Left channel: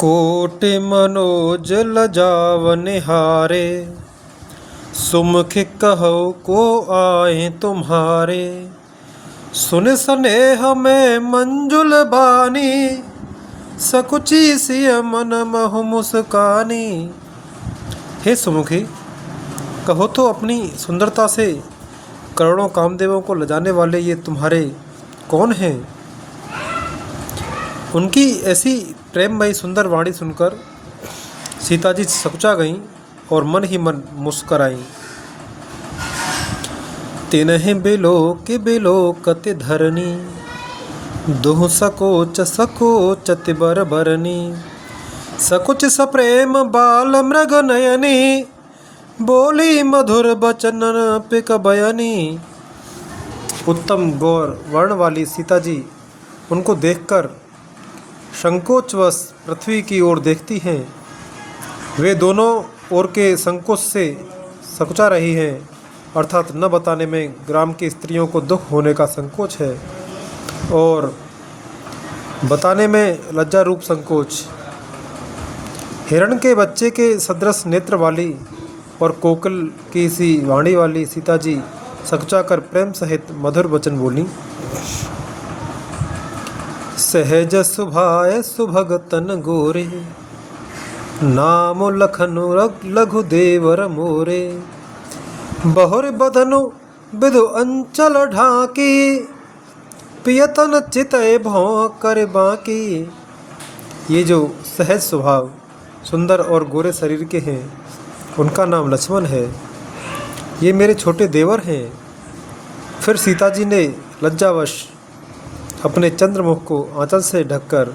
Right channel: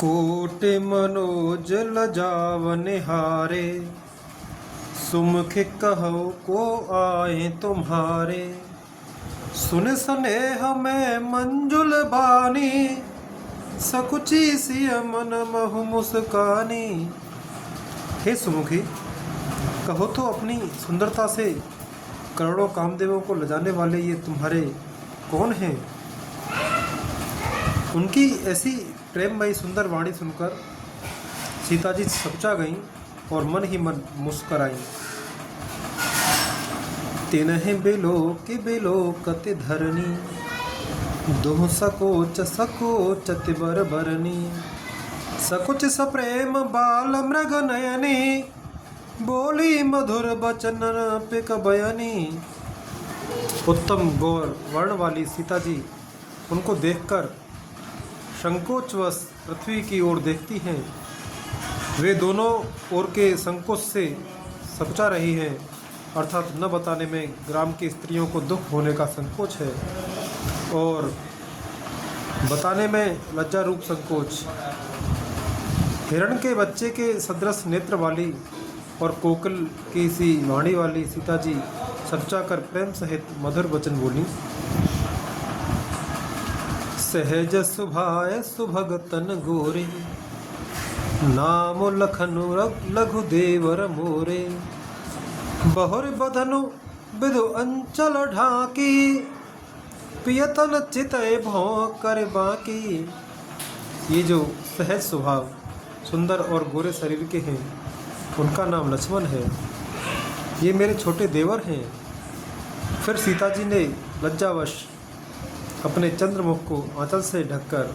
कोटि मनोज लजाव निहारे, सुमुख कहो को आए तुम्हारे। सुन स्नेह में मंजुल बानी, सकुची सिय मन महु मुस्कानी। हे सुमुखी, कहो तो अपनी सुंदरता से करोड़ों कामदेवों को लजाने वाले ये तुम्हारे कौन हैं? उनकी ऐसी प्रेममयी सुंदर वाणी सुनकर सीता जी सकुचा गईं और मन ही मन मुस्कराईं। तिन्हि बिलोकत धरनी, दुह सकोच सकोच तिबर बरनी। सकुच सप्रेम बाल मृग नयनी, बोली मधुर बचन पिक बयनी। उत्तम गौर वर्ण वाली सीता जी उनको देखकर संकोचवश पृथ्वी की ओर देखती हैं। वे दोनों ओर के संकोच से सकुचा रही हैं, अर्थात न बताने में ग्राम की स्त्रियों को दुख होने का संकोच है और बताने में लज्जा रूप संकोच। हिरण के बच्चे के सदृश नेत्र वाली और कोकिल की सी वाणी वाली सीता जी सकुचा कर प्रेम सहित मधुर वचन बोली। सहज सुभाय सुभग तन गोरे, नाम लखनु लघु देवर मोरे। बहुर बदनु बिदु अंचल ढाकी, पियतन चितय भौं कर बाकी। ये जो सहज स्वभाव सुंदर और गोरे शरीर के हैं, उनका नाम लक्ष्मण है। ये मेरे छोटे देवर हैं। फिर सीता जी ने लज्जावश अपने चंद्रमुख को आंचल से ढककर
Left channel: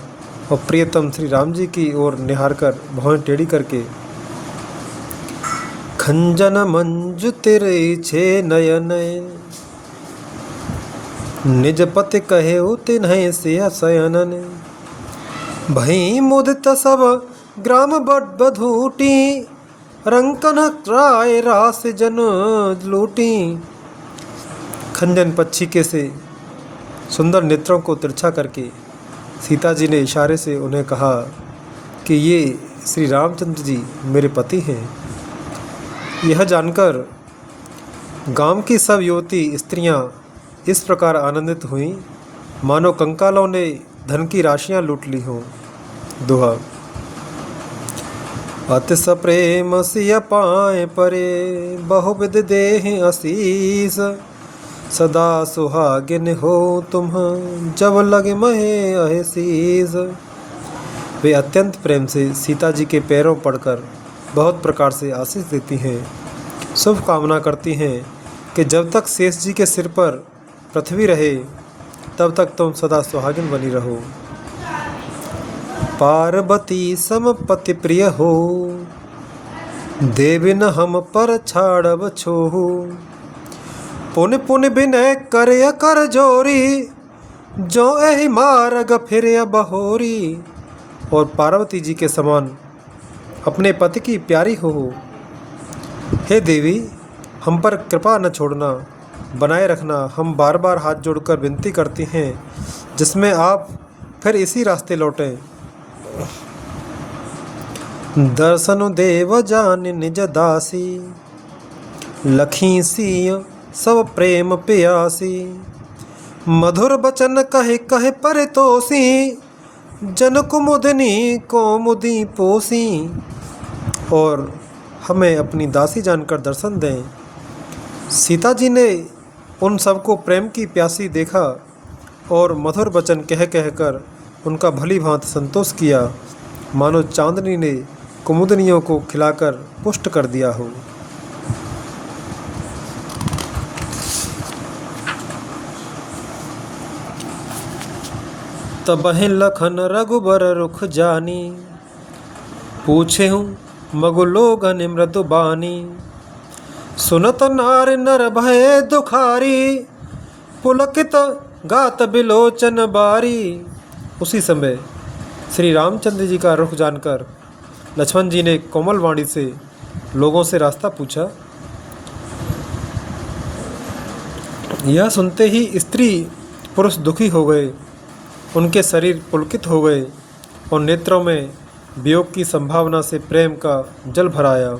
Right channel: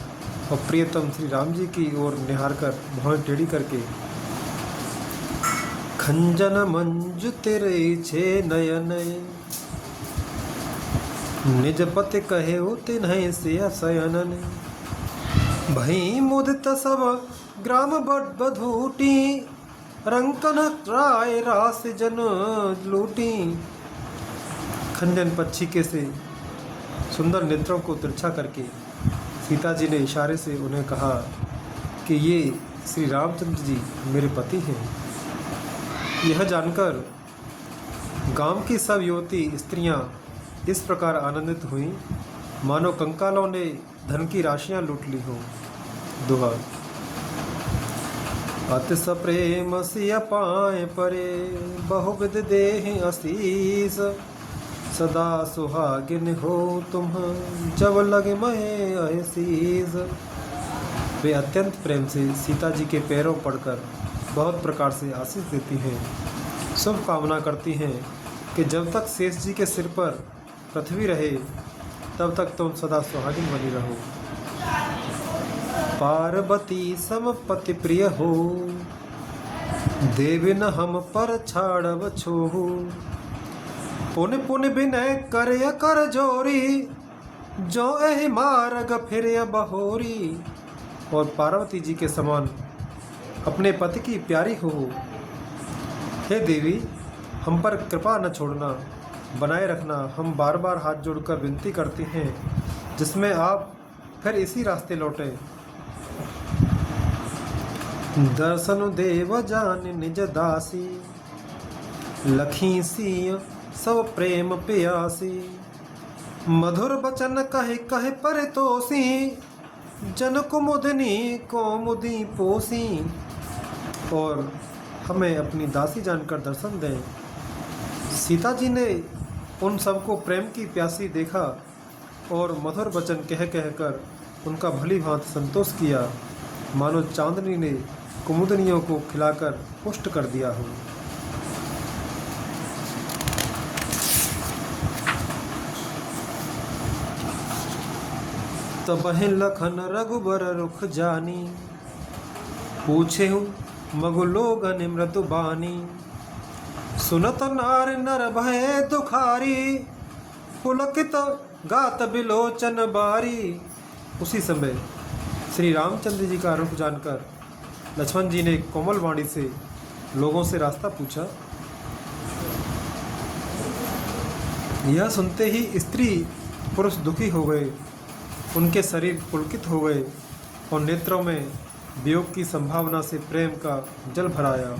और प्रियतम श्री राम जी की ओर निहार कर भौं टेढ़ी करके, खंजन मंजु तेरे छे नयन, निज पति कहे तिन्ह से शयनन। भई मुदित सब ग्राम बधूटी, रंकन राय रास जन लूटी। खंजन पक्षी के से सुंदर नेत्रों को तिरछा करके सीता जी ने इशारे से उन्हें कहा कि ये श्री रामचंद्र जी मेरे पति हैं। यह जानकर गांव की सब युवती स्त्रियां इस प्रकार आनंदित हुईं मानो कंकालों ने धन की राशियां लूट ली हों। दोहा। अति सप्रेम सिय पाए परे, बहुविध देहि आशीष। सदा सुहागिन हो तुम, जब लगे महे अहसीस। वे अत्यंत प्रेम से सीता जी के पैरों पड़कर बहुत प्रकार से आशीष देती हैं, शुभ कामना करती हैं कि जब तक शेष जी के सिर पर पृथ्वी रहे तब तक तुम सदा सुहागिन बनी रहो। पार्वती सम पति प्रिय हो, देविन हम पर छाड़ब छोहू। पुन पुन बिनय करे कर जोरी, जो एहि मार्ग फिर बहोरी। और पार्वती जी के समान अपने पति की प्यारी हो। हे देवी, हम पर कृपा न छोड़ना, बनाए रखना। हम बार बार हाथ जोड़कर विनती करती हैं, जिसमें आप फिर इसी रास्ते लौटें। दर्शन देव जान निज दासी, लखी सी सब प्रेम प्यासी। मधुर बचन कहे कहे परितोषी, जन कुमुदनी कौमुदी पोसी। और हमें अपनी दासी जानकर दर्शन दें। सीता जी ने उन सबको प्रेम की प्यासी देखा और मधुर वचन कह कहकर उनका भली भांति संतोष किया, मानो चांदनी ने कुमुदनियों को खिलाकर पुष्ट कर दिया हो। तबहि लखन रघुबर रुख जानी, पूछे हूँ मगु लोगन मृदु बानी। सुनत नार नर भय दुखारी, पुलकित गात बिलोचन बारी। उसी समय श्री रामचंद्र जी का रुख जानकर लक्ष्मण जी ने कोमल वाणी से लोगों से रास्ता पूछा। यह सुनते ही स्त्री पुरुष दुखी हो गए, उनके शरीर पुलकित हो गए और नेत्रों में वियोग की संभावना से प्रेम का जल भराया।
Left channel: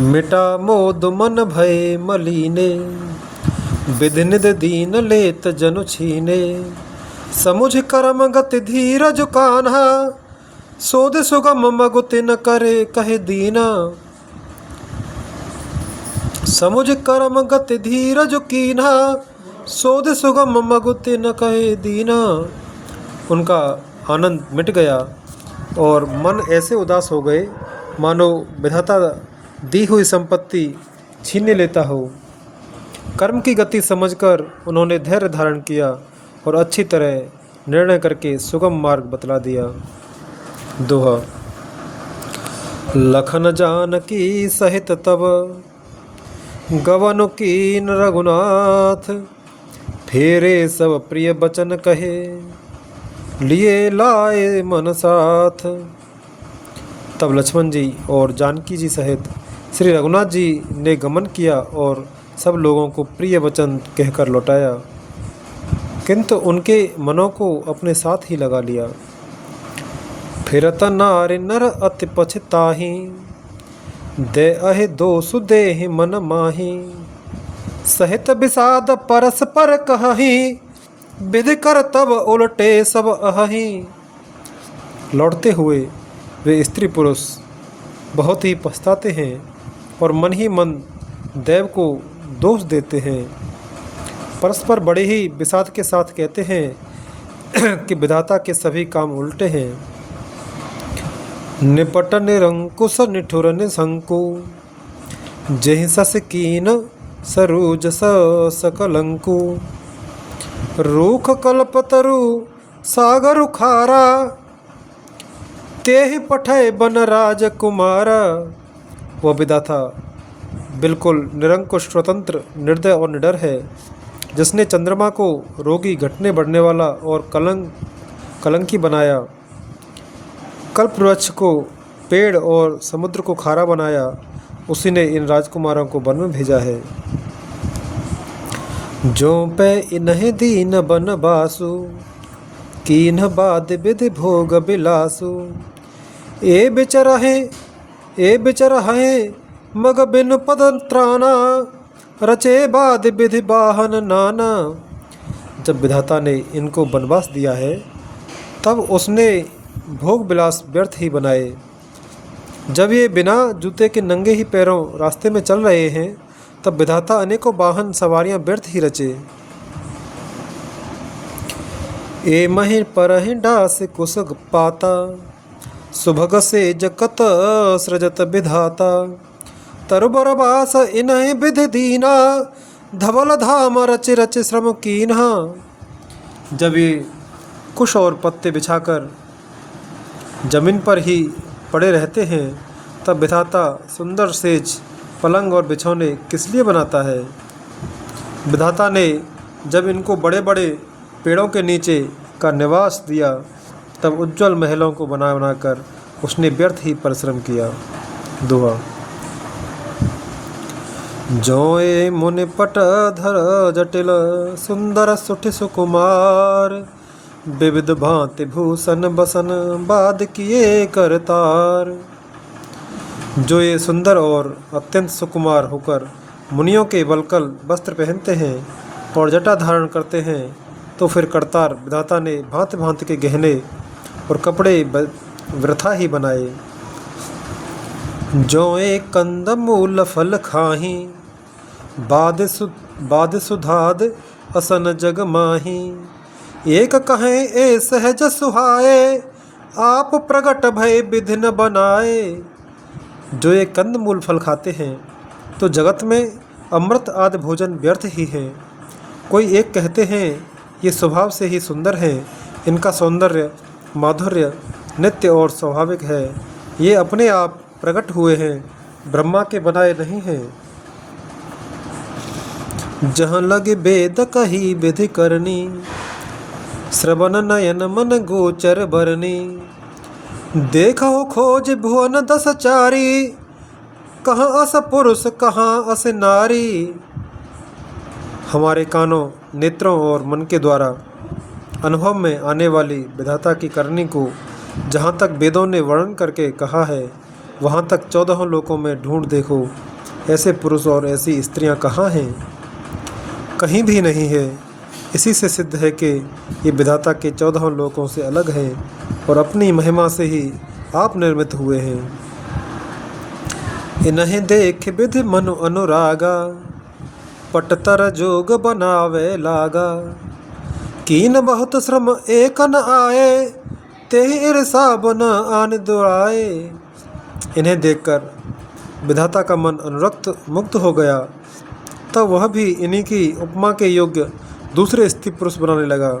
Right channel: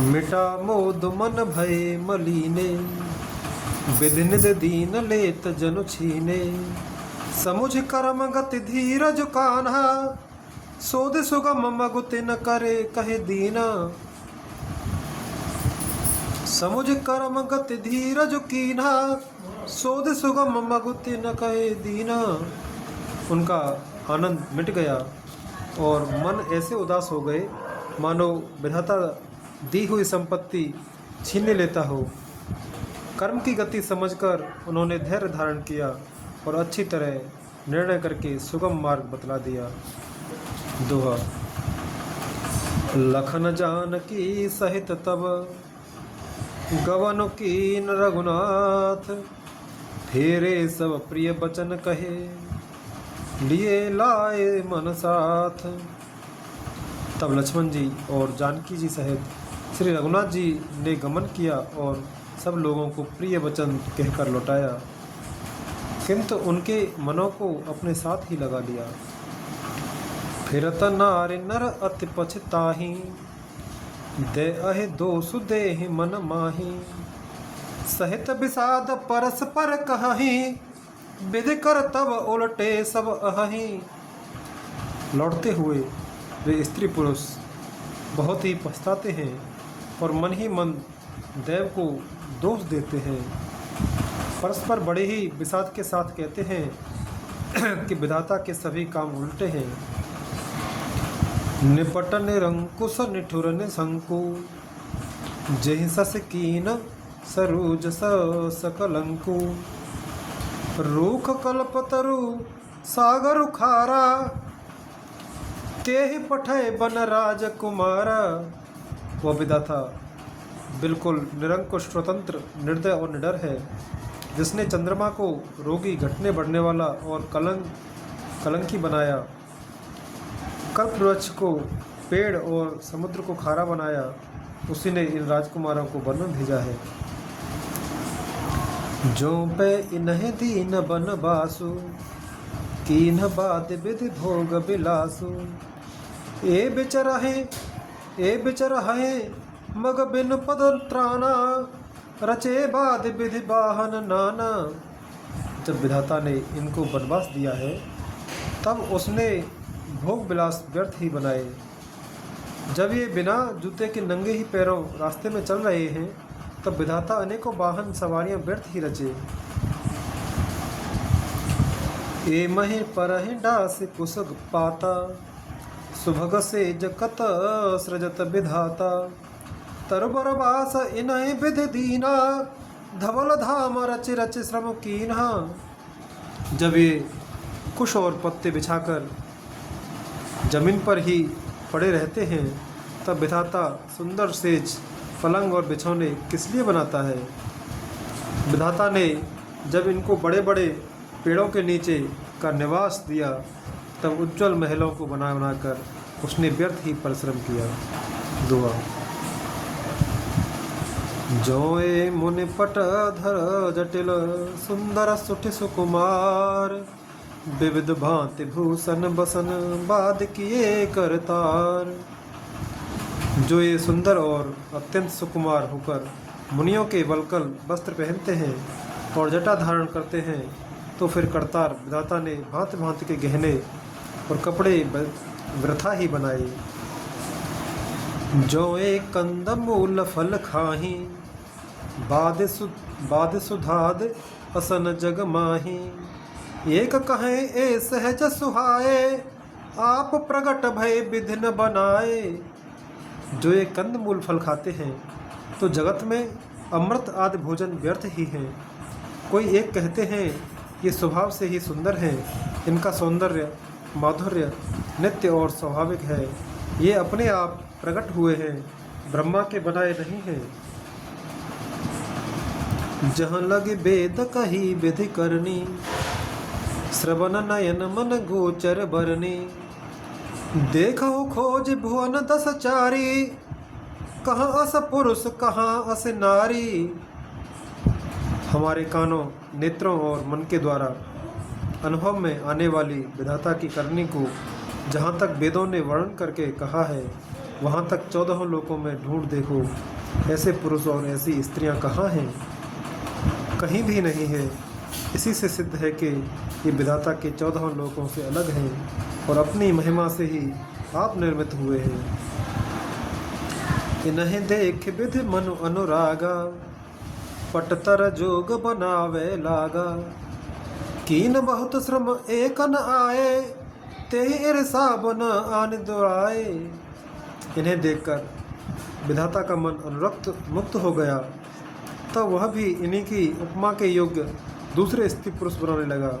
मिटा मोद मन भय मलीने, विधि निधि दीन लेत जनु छीने। समुझ करम गति धीरज कान्हा, सोध सुगम मगुति न करे कहे दीना। समुझ करम गति धीरज कीन्हा, सोध सुगम मगुति न कहे दीना। उनका आनंद मिट गया और मन ऐसे उदास हो गए मानो विधाता दी हुई संपत्ति छीन लेता हो। कर्म की गति समझकर उन्होंने धैर्य धारण किया और अच्छी तरह निर्णय करके सुगम मार्ग बतला दिया। दोहा। लखन जानकी सहित तब, गवन कीन रघुनाथ। फेरे सब प्रिय बचन कहे, लिए लाए मन साथ। तब लक्ष्मण जी और जानकी जी सहित श्री रघुनाथ जी ने गमन किया और सब लोगों को प्रिय वचन कहकर लौटाया, किंतु उनके मनों को अपने साथ ही लगा लिया। फिरत नारि नर अति पछताही, दे अहि दोषु देहि मन माही। सहित विषाद परस्पर कहही, विधि कर तब उलटे सब अहि। लौटते हुए वे स्त्री पुरुष बहुत ही पछताते हैं और मन ही मन देव को दोष देते हैं। परस्पर बड़े ही विषाद के साथ कहते हैं कि विधाता के सभी काम उल्टे हैं। निपट निरंकुश निठुर निशंकु, जेहि सस कीन सरूज सकलंकु। रूख कल्पतरु सागर खारा, तेहि पठय बन राजकुमारा। वह विधाता बिल्कुल निरंकुश, स्वतंत्र, निर्दय और निडर है, जिसने चंद्रमा को रोगी, घटने बढ़ने वाला और कलंकी बनाया, कल्प वृक्ष को पेड़ और समुद्र को खारा बनाया। उसी ने इन राजकुमारों को वन में भेजा है। जो पे इन्हें दीन बन बासु, कीन्ह बाद विधि भोग बिलासु। ए बिचर है मग बिन पद त्राना, रचे बाद विधि बाहन नाना। जब विधाता ने इनको वनवास दिया है तब उसने भोग विलास व्यर्थ ही बनाए। जब ये बिना जूते के नंगे ही पैरों रास्ते में चल रहे हैं तब विधाता अनेकों वाहन सवारियां व्यर्थ ही रचे। ए महि परहि डास कुश पाता, सुभग से जकत सृजत विधाता। तरुबर बास इन्हि विधि दीना, धवल धाम रच रच श्रम कीन्हा। जब ये कुश और पत्ते बिछाकर जमीन पर ही पड़े रहते हैं तब विधाता सुंदर सेज, पलंग और बिछौने किस लिए बनाता है। विधाता ने जब इनको बड़े बड़े पेड़ों के नीचे का निवास दिया तब उज्जवल महलों को बना बनाकर उसने व्यर्थ ही परिश्रम किया। दुआ। जोए मुनि पट धर जटिल, सुंदर सुठ सुकुमार। विविध भांति भूषण बसन, बाद किए करतार। जो ये सुंदर और अत्यंत सुकुमार होकर मुनियों के वल्कल वस्त्र पहनते हैं और जटा धारण करते हैं, तो फिर करतार विधाता ने भांति भांति के गहने और कपड़े वृथा ही बनाए। जो एक कंद मूल फल खाही, बाद सुधाद असन जग माही। एक कहें ए सहज सुहाए, आप प्रगट भय विधि न बनाए। जो ये कंद मूल फल खाते हैं तो जगत में अमृत आदि भोजन व्यर्थ ही है। कोई एक कहते हैं ये स्वभाव से ही सुंदर है, इनका सौंदर्य माधुर्य नित्य और स्वाभाविक है, ये अपने आप प्रकट हुए हैं, ब्रह्मा के बनाए नहीं हैं। जहाँ लगे वेद कही विधि करनी, श्रवण नयन मन गोचर बरनी। देखो खोज भुवन दस चारी, कहाँ अस पुरुष कहाँ अस नारी। हमारे कानों, नेत्रों और मन के द्वारा अनुभव में आने वाली विधाता की करनी को जहाँ तक वेदों ने वर्णन करके कहा है वहाँ तक 14 लोकों में ढूंढ देखो, ऐसे पुरुष और ऐसी स्त्रियाँ कहाँ हैं? कहीं भी नहीं है। इसी से सिद्ध है कि ये विधाता के 14 लोकों से अलग है और अपनी महिमा से ही आप निर्मित हुए हैं। इन्हें देख विधि मनु अनुरागा, पटतर जोग बनावे लागा। कीन बहुत श्रम एक न आए, तेहि ईर्षा बन आन दुआए। इन्हें देखकर विधाता का मन अनुरक्त मुक्त हो गया, तब वह भी इन्हीं की उपमा के योग्य दूसरे स्त्री पुरुष बनाने लगा।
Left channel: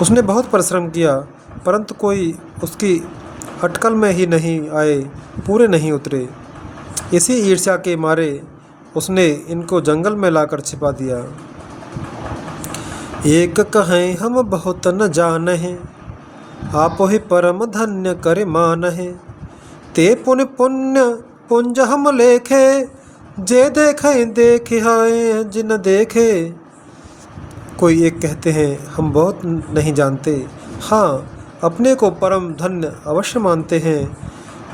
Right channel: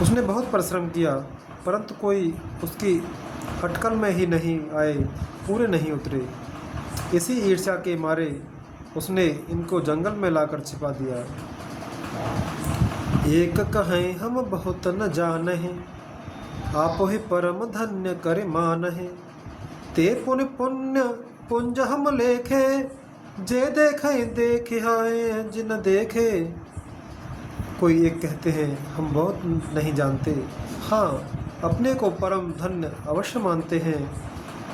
उसने बहुत परिश्रम किया, परंतु कोई उसकी अटकल में ही नहीं आए, पूरे नहीं उतरे। इसी ईर्ष्या के मारे उसने इनको जंगल में लाकर छिपा दिया। एक कहें हम बहुत न जानहे, आप ही परम धन्य करे मानहे। ते पुण्य पुण्य पुंज हम लेखे, जे देखे देखे हाय जिन देखे। कोई एक कहते हैं हम बहुत नहीं जानते, हाँ अपने को परम धन्य अवश्य मानते हैं।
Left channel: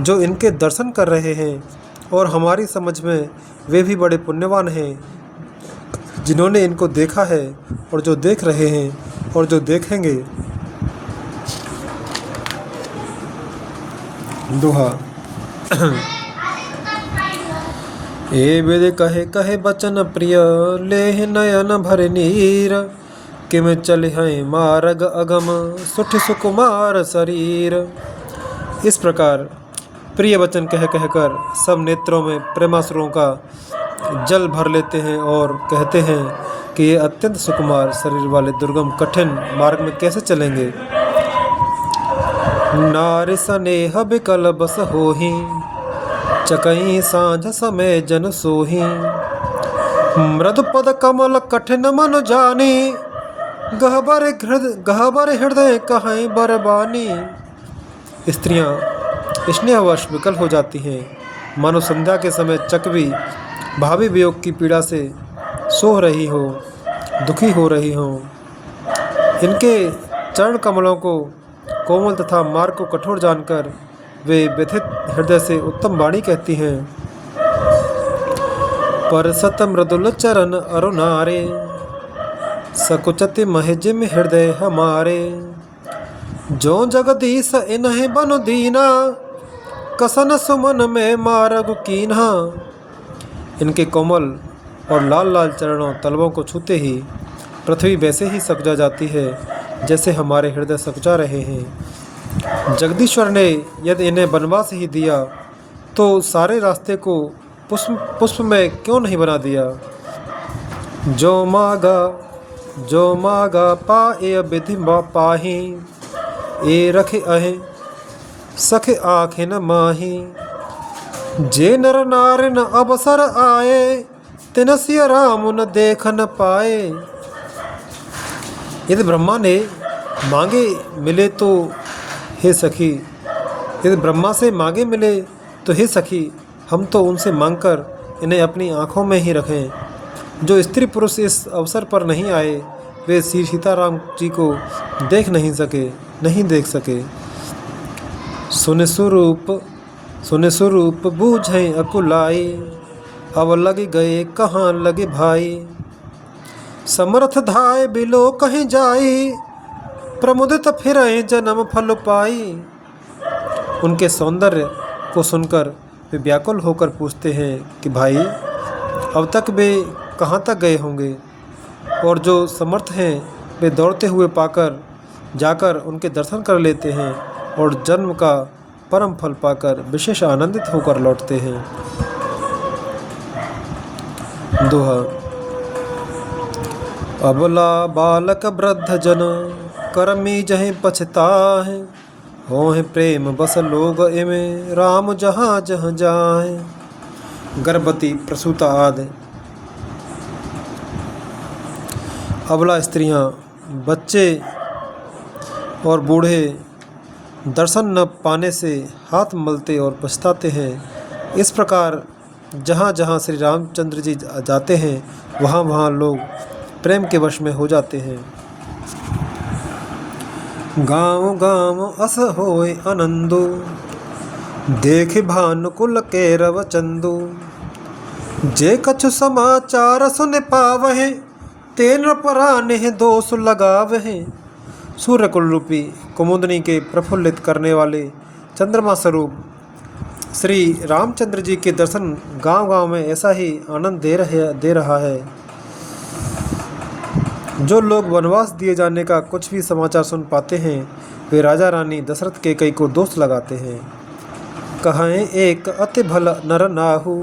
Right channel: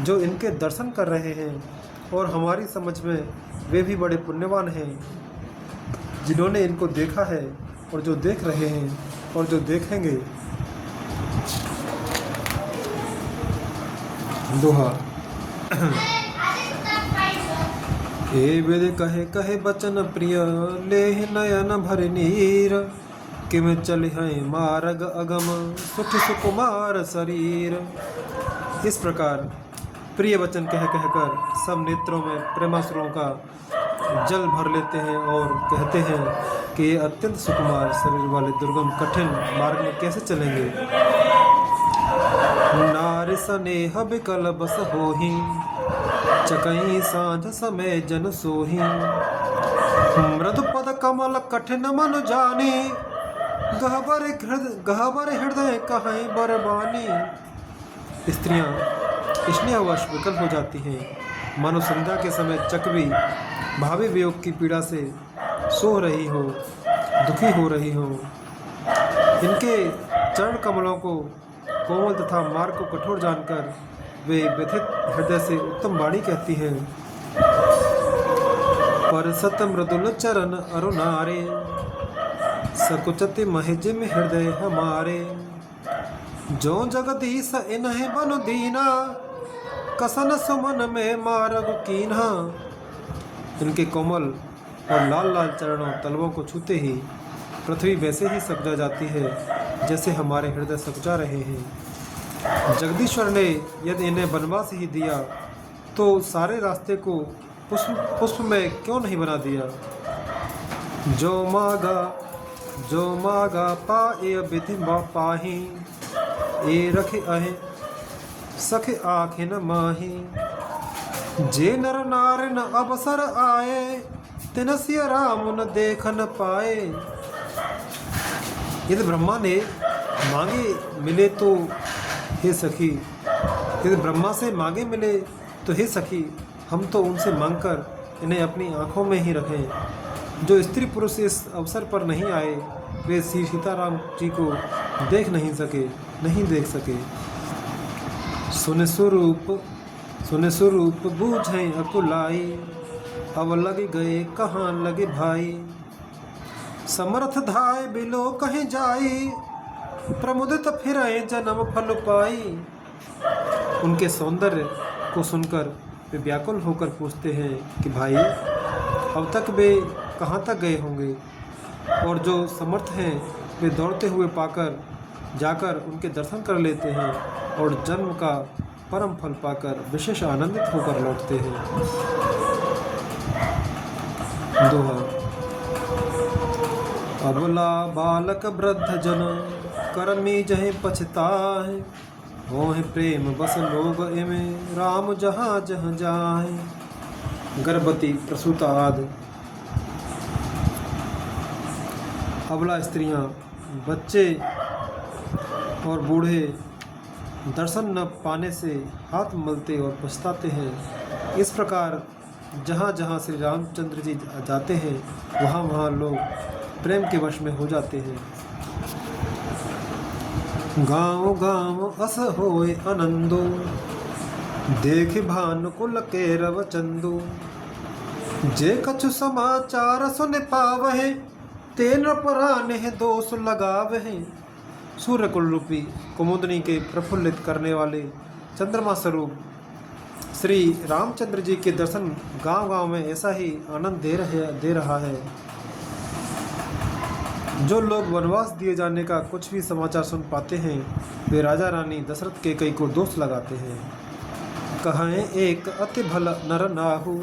जो इनके दर्शन कर रहे हैं और हमारी समझ में वे भी बड़े पुण्यवान हैं, जिन्होंने इनको देखा है और जो देख रहे हैं और जो देखेंगे। दोहा। ए वेद कहे कहे बचन प्रिय, लेह नयन भर नीर। किम चल हैं मार्ग अगम, सुठ सुकुमार शरीर। इस प्रकार प्रिय वचन कह कहकर सब नेत्रों में प्रेमासुरों का जल भर लेते हैं और कहते हैं कि ये अत्यंत सुकुमार शरीर वाले दुर्गम कठिन मार्ग में कैसे चलेंगे। नारी स्नेह बिकल बस होही, चकई सांझ समय जन सोही। मृदु पद कमल कठिन मन जानी, गहबर हृदय कहीं बरबानी। स्त्रियां स्नेहवश विकल हो जाती हैं, मानो संध्या के समय चकवी भावी वियोग की पीड़ा से सोह रही हो, दुखी हो रही हो। इनके चरण कमलों को कोमल तथा मार्ग को कठोर जानकर वे व्यथित हृदय से उत्तम वाणी कहती हैं। पर सत मृदुल चरण अरुणारे, सकुचति महजिम हृदय हमारे। जो जगदीश इन्हें बनु दीना, कसन सुमन में मार्ग कीन्हा। इनके कोमल और लाल लाल चरणों तलवों को छूते ही पृथ्वी वैसे ही सकुचा जाती है जैसे हमारे हृदय सकुचा रहे हैं। जगदीश्वर ने यदि इन्हें वनवास ही दिया तो सारे रास्ते को पुष्प में क्यों नहीं बना दिया। जो मागा पाए विधि पाही, ए रखे अहे सखे आँखें न माही। जे नर नार न अवसर आए, तिनसिय राम न देख न पाए। यदि ब्रह्मा ने मांगे मिले तो हे सखी, यदि ब्रह्मा से मांगे मिले तो हे सखी, हम तो उनसे मांगकर इन्हें अपनी आँखों में ही रखें। जो स्त्री पुरुष इस अवसर पर नहीं आए वे श्री सीताराम जी को देख नहीं देख सके। सुन स्वरूप बूझें अकुलाई, अब लग गए कहाँ लगे भाई। समर्थ धाय बिलो कहीं जाई, प्रमुदित फिरे जन्म फल पाई। उनके सौंदर्य को सुनकर वे व्याकुल होकर पूछते हैं कि भाई अब तक वे कहाँ तक गए होंगे। और जो समर्थ हैं वे दौड़ते हुए पाकर जाकर उनके दर्शन कर लेते हैं और जन्म का परम फल पाकर विशेष आनंदित होकर लौटते हैं। दोहा। अबला बालक वृद्ध जन, कर्मी जहीं पछताहे। हों प्रेम बस लोग इमें, राम जहाँ जहाँ जाए। गर्भवती प्रसूता आदि। अबला स्त्रियां, बच्चे और बूढ़े दर्शन न पाने से हाथ मलते और पछताते हैं। इस प्रकार जहाँ जहाँ श्री रामचंद्र जी जाते हैं वहाँ वहाँ लोग प्रेम के वश में हो जाते हैं। गाँव गाँव अस होय आनंदु, देख भानुकुल केरव चंदु। जे कछु समाचार सुन पावहे, तेन पराने दोष लगावहे। सूर्यकुल रूपी कुमुदनी के प्रफुल्लित करने वाले चंद्रमा स्वरूप श्री रामचंद्र जी के दर्शन गांव गांव में ऐसा ही आनंद दे रहा है। जो लोग वनवास दिए जाने का कुछ भी समाचार सुन पाते हैं, वे राजा रानी दशरथ के कई को दोष लगाते हैं। कहें एक अति भल नर नाहु,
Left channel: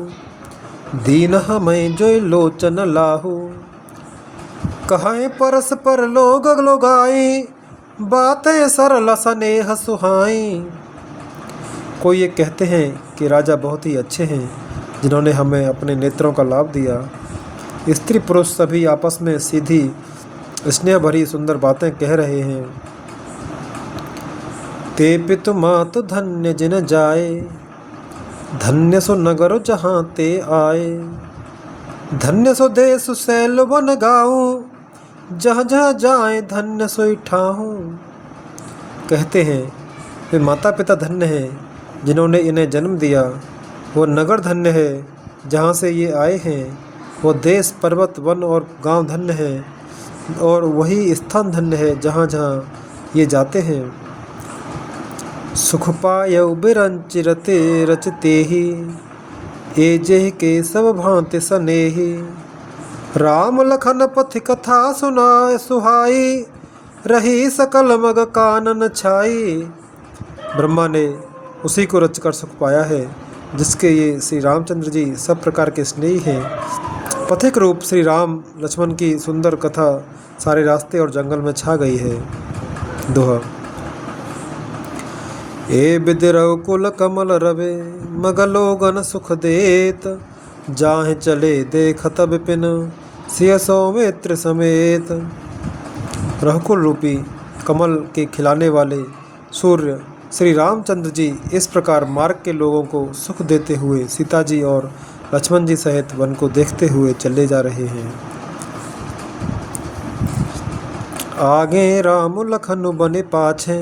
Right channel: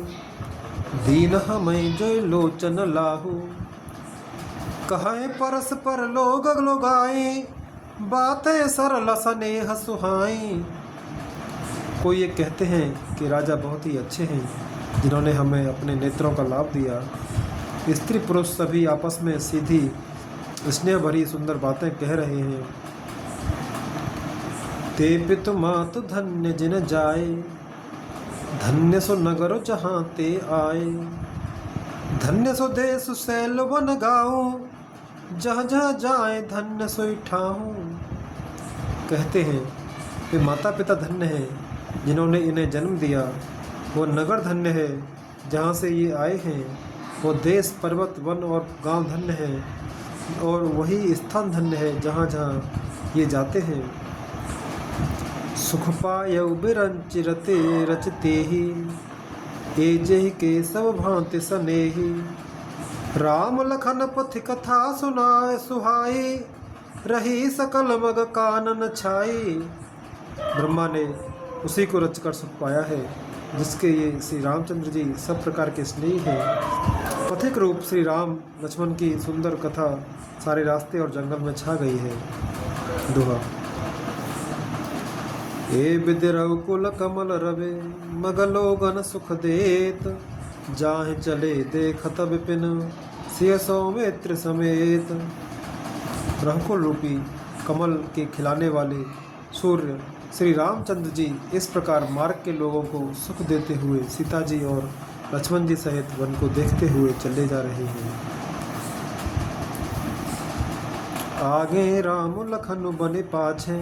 दीन हमें जो लोचन लाहू। कहें परस्पर लोग लोगाई, बातें सरल स्नेह सुहाई। कोई ये कहते हैं कि राजा बहुत ही अच्छे हैं, जिन्होंने हमें अपने नेत्रों का लाभ दिया। स्त्री पुरुष सभी आपस में सीधी स्नेह भरी सुंदर बातें कह रहे हैं। ते पितु मातु धन्य जिन जाए, धन्य सो नगर जहाँ ते आए। धन्य सो देश सैल वन गाऊँ, जहाँ जहाँ जाए धन्य सोई ठाहूँ। कहते हैं वे माता पिता धन्य हैं जिन्होंने इन्हें जन्म दिया। वो नगर धन्य है जहाँ से ये आए हैं। वो देश पर्वत वन और गांव धन्य है, और वही स्थान धन्य है जहाँ जहाँ ये जाते हैं। सुख पायउ बिरंचिरते रचते ही, एजेह के सब भांति सनेही। राम लखन पथ कथा सुनाए सुहाई, रही सकल मग कानन छाई। ब्रह्मा ने उसी को रचकर सुख पाया है, जिसके ये श्री रामचंद्र जी सब प्रकार के स्नेही हैं। पथिक रूप श्री राम लक्ष्मण की सुंदर कथा सारे रास्ते और जंगल में छा गई है। दोहा। ए बिदिरव कुल कमल रवे, मगलोगन सुख देत। जाहे चले देखत बिपिन, सिय सौमित्र समेत। रघुकुल रूपी कमल के खिलाने वाले सूर्य श्री रामचंद्र जी इस प्रकार मार्ग के लोगों को सुख देते हुए सीता जी और लक्ष्मण जी सहित वन को देखते हुए चले जा रहे हैं। आगे राम लखन बने पाछे,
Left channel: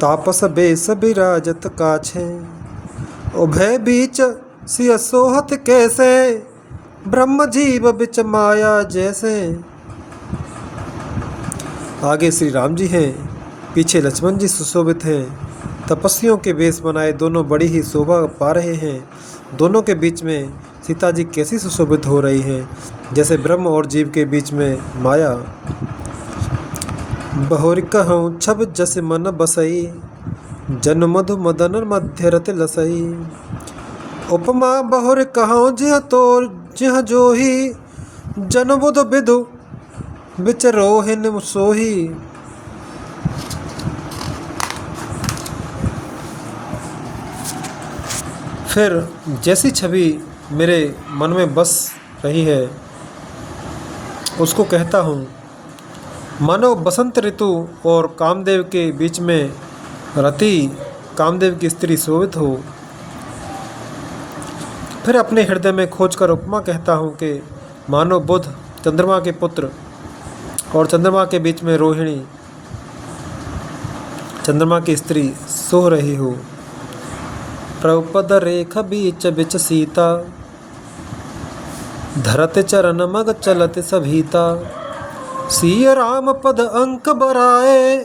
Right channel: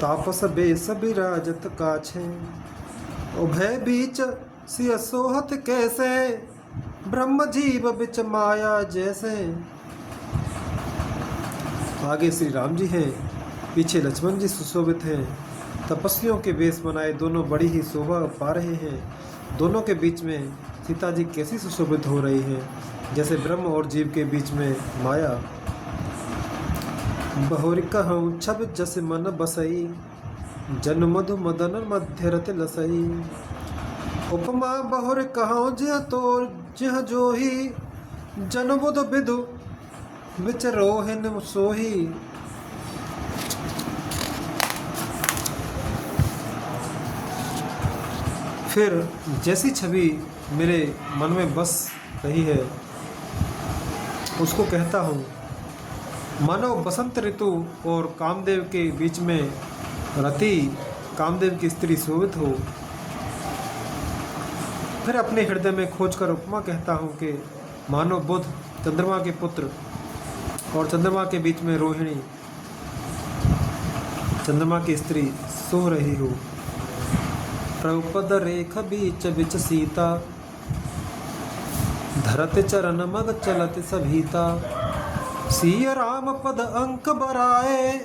तापस बेस बिराजत काछे। उभय बीच सिय सोहत कैसे, ब्रह्म जीव बिच माया जैसे। आगे श्री राम जी हैं, पीछे लक्ष्मण जी सुशोभित हैं। तपस्वियों के वेश बनाए दोनों बड़ी ही शोभा पा रहे हैं। दोनों के बीच में सीता जी कैसी सुशोभित हो रही हैं, जैसे ब्रह्म और जीव के बीच में माया। बहुर कहूँ छब जस मन बसई, जन मधु मदन मध्य रत लसई। उपमा बहुर कहूँ जिह तोर जिह जोही, जन बुध बिदु बिच रोहिन सोही। फिर जैसी छवि मेरे मन में बस रही है, उसको कहता हूँ। मानो बसंत ऋतु और कामदेव के बीच में रति कामदेव की स्त्री शोभित हो। फिर अपने हृदय में खोजकर उपमा कहता हूँ कि मानो बुध चंद्रमा के पुत्र और चंद्रमा के बीच में रोहिणी चंद्रमा की स्त्री सो रही हो। प्रभुपद रेख बीच बिच सीता, धरत चरण मग चलत सभीता। सिय राम पद अंक बराए,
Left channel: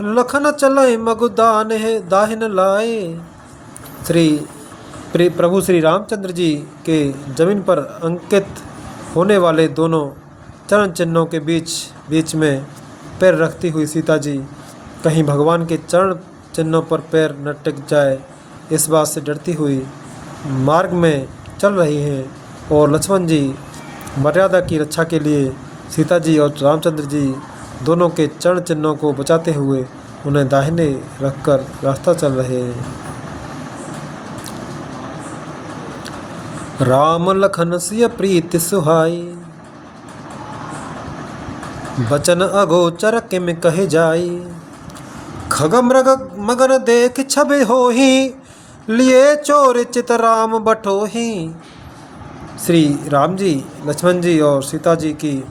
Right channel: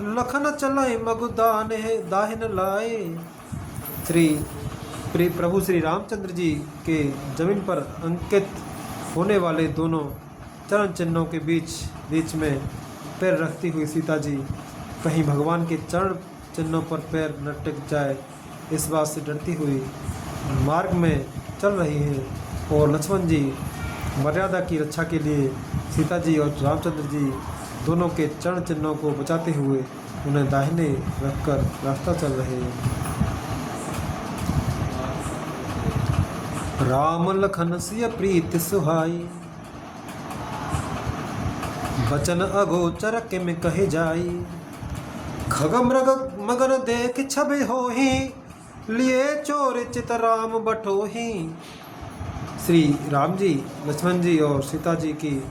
लखन चलय मगु दाहिन लाए। प्रभु श्री रामचंद्र जी के जमीन पर अंकित होने वाले दोनों चरण चिन्हों के बीच में पैर रखती हुई सीता जी कहीं भगवान के चरण चिन्हों पर पैर न टिक जाए, इस बात से डरती हुई मार्ग में चल रही हैं। और लक्ष्मण जी मर्यादा की रक्षा के लिए सीता जी और रामचंद्र जी दोनों के चरण चिन्हों को बचाते हुए उन्हें दाहिने रखकर रास्ता चल रहे हैं। राम लखन सिय प्रीति सुहाई, बचन अगोचर किम कहे जाई। खग मृग मगन देख छबे होही, लिए चोर चित राम बटोही। श्री राम जी लक्ष्मण जी और सीता जी की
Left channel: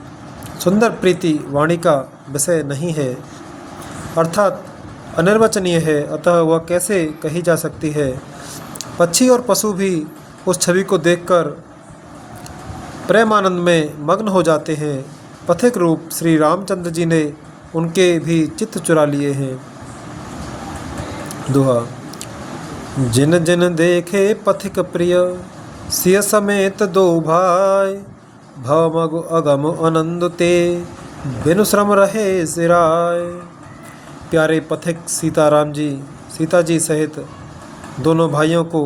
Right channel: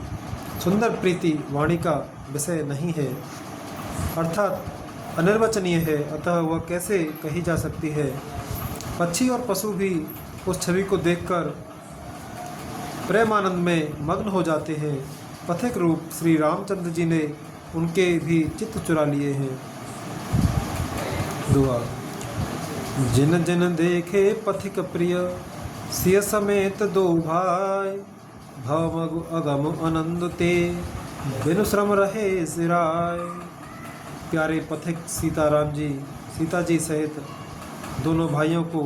सुंदर प्रीति वाणी का विषय नहीं है, अर्थात अनिर्वचनीय है, अतः वह कैसे कही जा सकती है। पक्षी और पशु भी उस छवि को देखकर प्रेमानंद में मग्न हो जाते हैं। पथिक रूप श्री रामचंद्र जी ने उनके भी चित्त चुरा लिए हैं। दोहा। जिन जिन देखे पथिक प्रिय, सिय समेत दो भाई, भव मगु अगम आनंद ते, बिनु श्रम रहे सिराय। प्यारे पथिक सीता जी सहित दोनों भाइयों को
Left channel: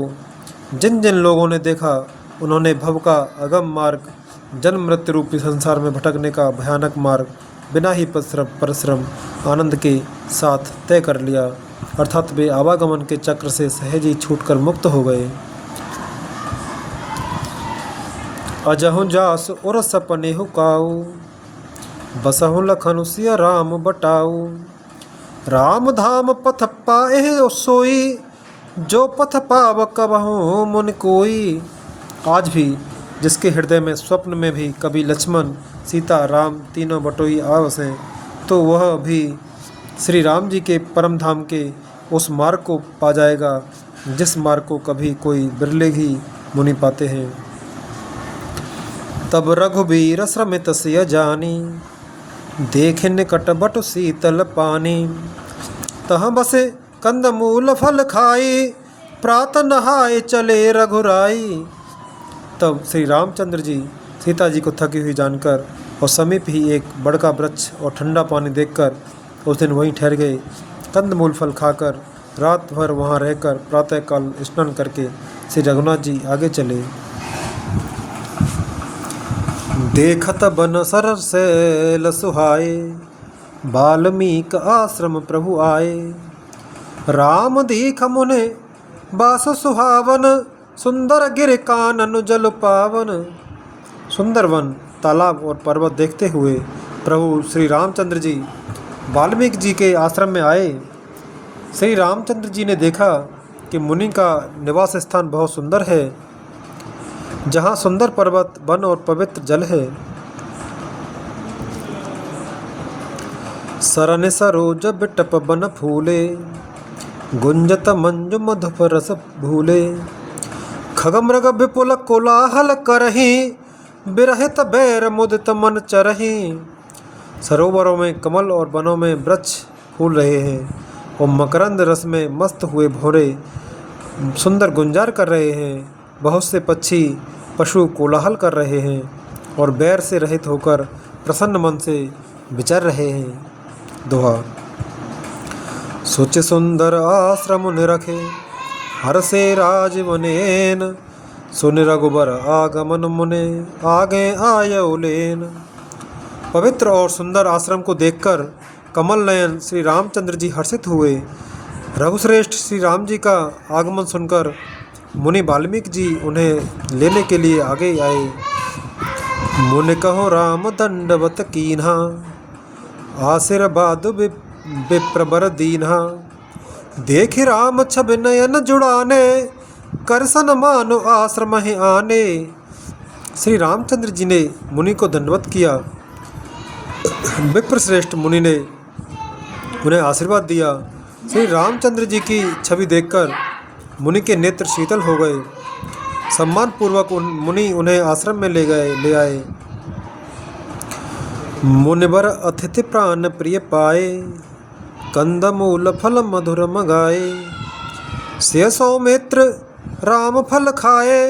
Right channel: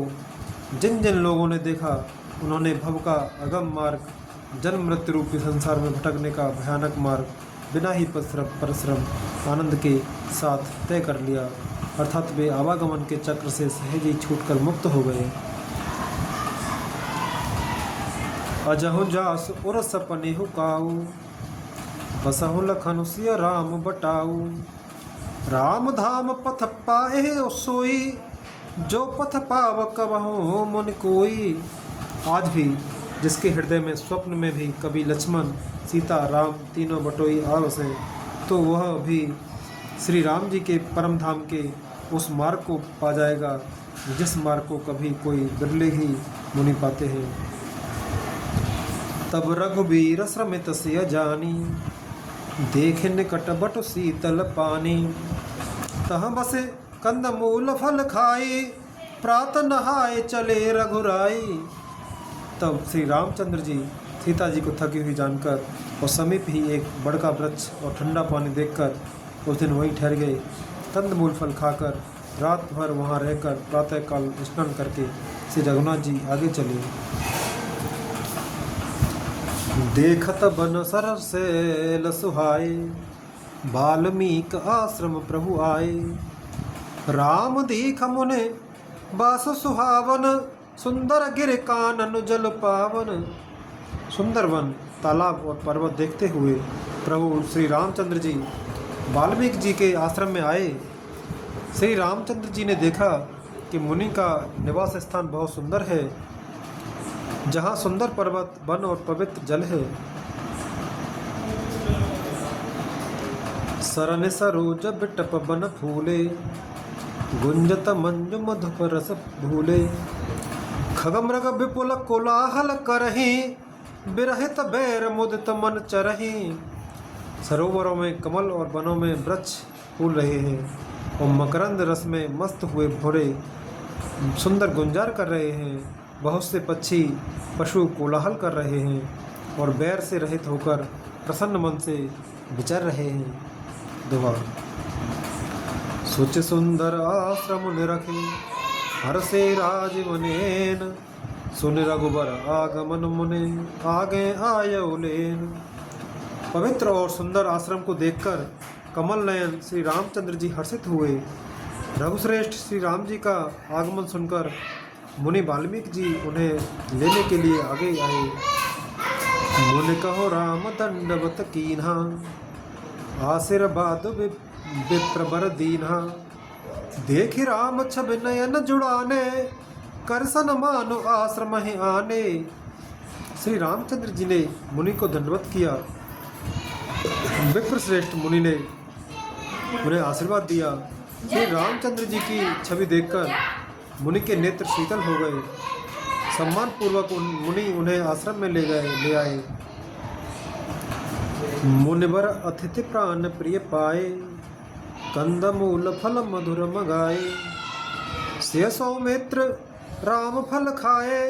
जिन जिन लोगों ने देखा, उन्होंने भव का अगम मार्ग, जन्म मृत्यु रूपी संसार में भटकने का भयानक मार्ग बिना ही परिश्रम आनंद के साथ तय कर लिया, अर्थात वे आवागमन के चक्र से सहज ही छूटकर मुक्त हो गए। अजहु जास उर सपने हुकाऊ, बसहु लखन सिय राम बटाऊ। राम धाम पथ पाए सोई, जो पथ पाव कबहु मुन कोई। आज भी जिसके हृदय में स्वप्न में भी कभी लक्ष्मण सीता राम तीनों बटोई आवसें, तो वह भी श्री राम जी के परम धाम के उस मार्ग को पा जाएगा, जिस मार्ग को कभी कोई बिरले ही मुनि पाते हैं। तब रघुबीर श्रमित सिय जानी, देखे निकट बटु शीतल पानी। तहाँ बसे कंद मूल फल खाई, प्रात नहाए चले रघुराई। तब श्री रामचंद्र जी सीता जी को थकी हुई जानकर और समीप ही एक बड़का वृक्ष और ठंडा पानी देखकर उस दिन वहीं ठहर गए। कंदमूल फल खाकर रात भर वहाँ रहकर प्रातःकाल स्नान करके श्री रघुनाथ जी आगे चले। देखत बन सरर सैल सुहाए, बाल्मीक आश्रम प्रभु आए। राम दीख मुने बास सुहावन, सुंदर गिर कानन जल पावन। सुंदर वन, तालाब और पर्वत देखते हुए प्रभु श्री रामचंद्र जी वाल्मीकि जी के आश्रम में आए। श्री रामचंद्र जी ने देखा कि मुनि का निवास स्थान बहुत सुंदर है, जहाँ सुंदर पर्वत, वन और पवित्र जल है। सरन सरोज बिटप बन फूले, गुंजत मंजु मधुप रस भूले। खगमृग विपुल कोलाहल करही, बिरहित बैर मुदित मन चरही। सरोवरों में कमल और वनों में वृक्ष फूल रहे हैं और मकरंद रस में मस्त हुए भौरे सुंदर गुंजार कर रहे हैं। बहुत से पक्षी पशु कोलाहल कर रहे हैं और बैर से रहित होकर प्रसन्न मन से विचर रहे हैं। दोहा। सोच सुंदर आश्रम निरखे, हर से राज वनेन। सुन रघुबर आगमन मुने, आगे आयो लेन। पवित्र और सुंदर आश्रम को देखकर कमल नयन श्री रामचंद्र जी हर्षित हुए। रघुश्रेष्ठ श्री राम जी का आगमन सुनकर मुनि वाल्मीकि जी उन्हें लेने के लिए आगे आए। मुनि कहो राम दंडवत कीन्हा, आशीर्वाद विप्रबर दीन्हा। देख राम छब नयन जुड़ाने, करसन मानो आश्रम ही आने। श्री रामचंद्र जी ने मुनि को दंडवत किया। विप्रश्रेष्ठ मुनि ने उन्हें आशीर्वाद दिया। श्री रामचंद्र जी की छवि देखकर मुनि के नेत्र शीतल हो गए। सम्मान पूर्वक मुनि उन्हें आश्रम में ले आए। मुनिवर अतिथि प्राण प्रिय पाए, कंदमूल फल मधुर मगाए। से सौमित्र राम फल खाए,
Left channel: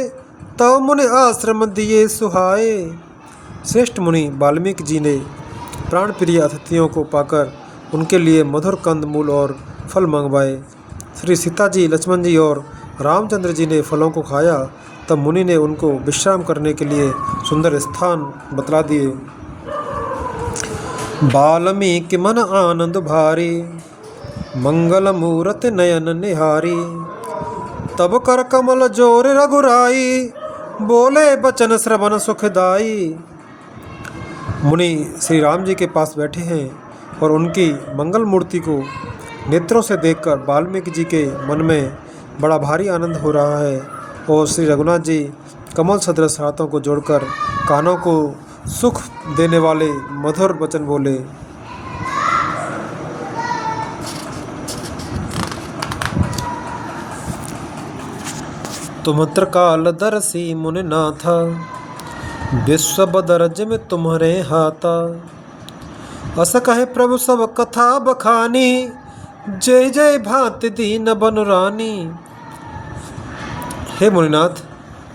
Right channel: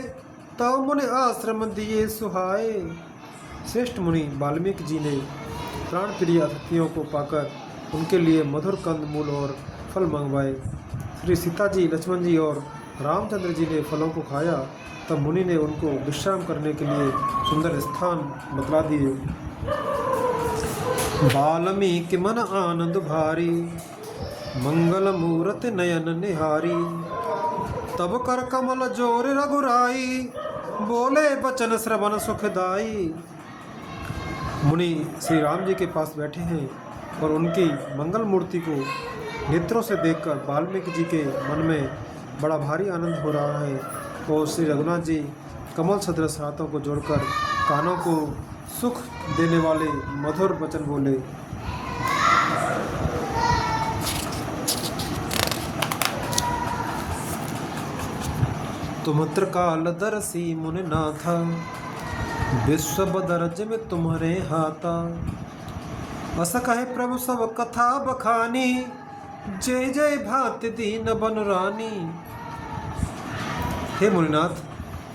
तव मुनि आश्रम दिए सुहाए। श्रेष्ठ मुनि वाल्मीकि जी ने प्राण प्रिय अतिथियों को पाकर उनके लिए मधुर कंदमूल और फल मंगवाए। श्री सीता जी, लक्ष्मण जी और रामचंद्र जी ने फलों को खाया। तब मुनि ने उनको विश्राम करने के लिए सुंदर स्थान बतला दिए। वाल्मीकि मन आनंद भारी, मंगल मूरत नयन निहारी। तब कर कमल जोर रघुराई, बोले बचन श्रवण सुखदाई। मुनि श्री राम जी के पास बैठे हैं और उनकी मंगल मूर्ति को नेत्रों से देखकर वाल्मीकि जी के मन में बड़ा भारी आनंद हो रहा है और श्री रघुनाथ जी कमल सदृश हाथों को जोड़कर कानों को सुख देने वाले मधुर वचन बोले। तुम त्रिकाल दर्शी मुनि नाथ, विश्व बदरज में तुम्हारे हाथा। अस कहे प्रभु सब कथा बखानी, जय जय भांति दीन बनुरानी। हे मुनिनाथ,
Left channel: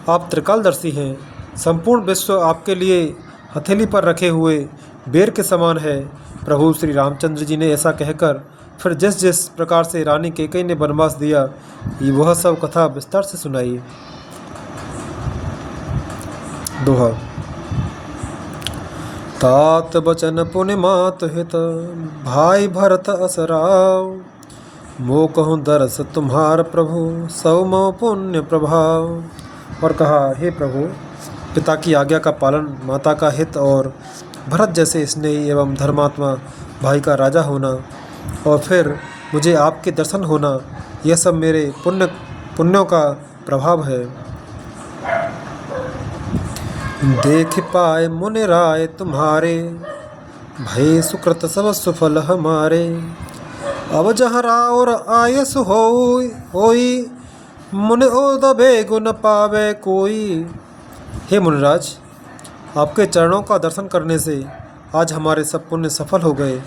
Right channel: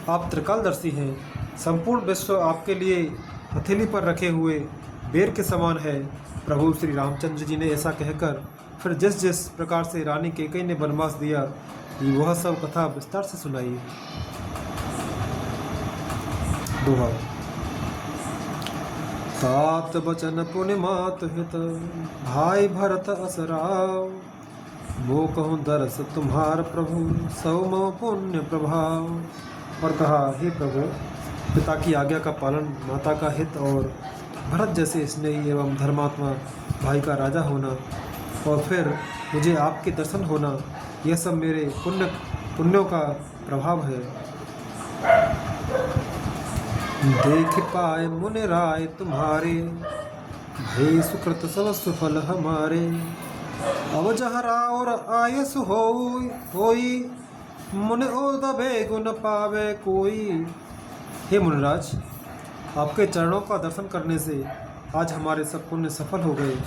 आप त्रिकालदर्शी हैं। संपूर्ण विश्व आपके लिए हथेली पर रखे हुए बेर के समान है। प्रभु श्री रामचंद्र जी ने ऐसा कहकर फिर जिस जिस प्रकार से रानी कैकेयी ने वनवास दिया, वह सब कथा विस्तार से सुनाई। दोहा। तात बचन पुनि मात हित, भाई भरत असराव। मो कहूँ दरस तुम्हार प्रभु, सौ मो पुण्य प्रभाव। और कहा, हे प्रभु, पिता की आज्ञा का पालन, माता का हित और भरत जैसे स्नेही एवं धर्मात्मा भाई का राजा होना, और फिर मुझे आपके दर्शन होना, यह सब मेरे पुण्यों का प्रभाव है। देख पाए मुनि राय तुम्हारे, भय सुकृत सब सुफल हमारे। अब जहाँ और आयस होई, मुनि दबे गुण पावे कोई। हे मुनिराज, आपके चरणों का दर्शन करने से आज हमारे सब पुण्य सफल हो गए,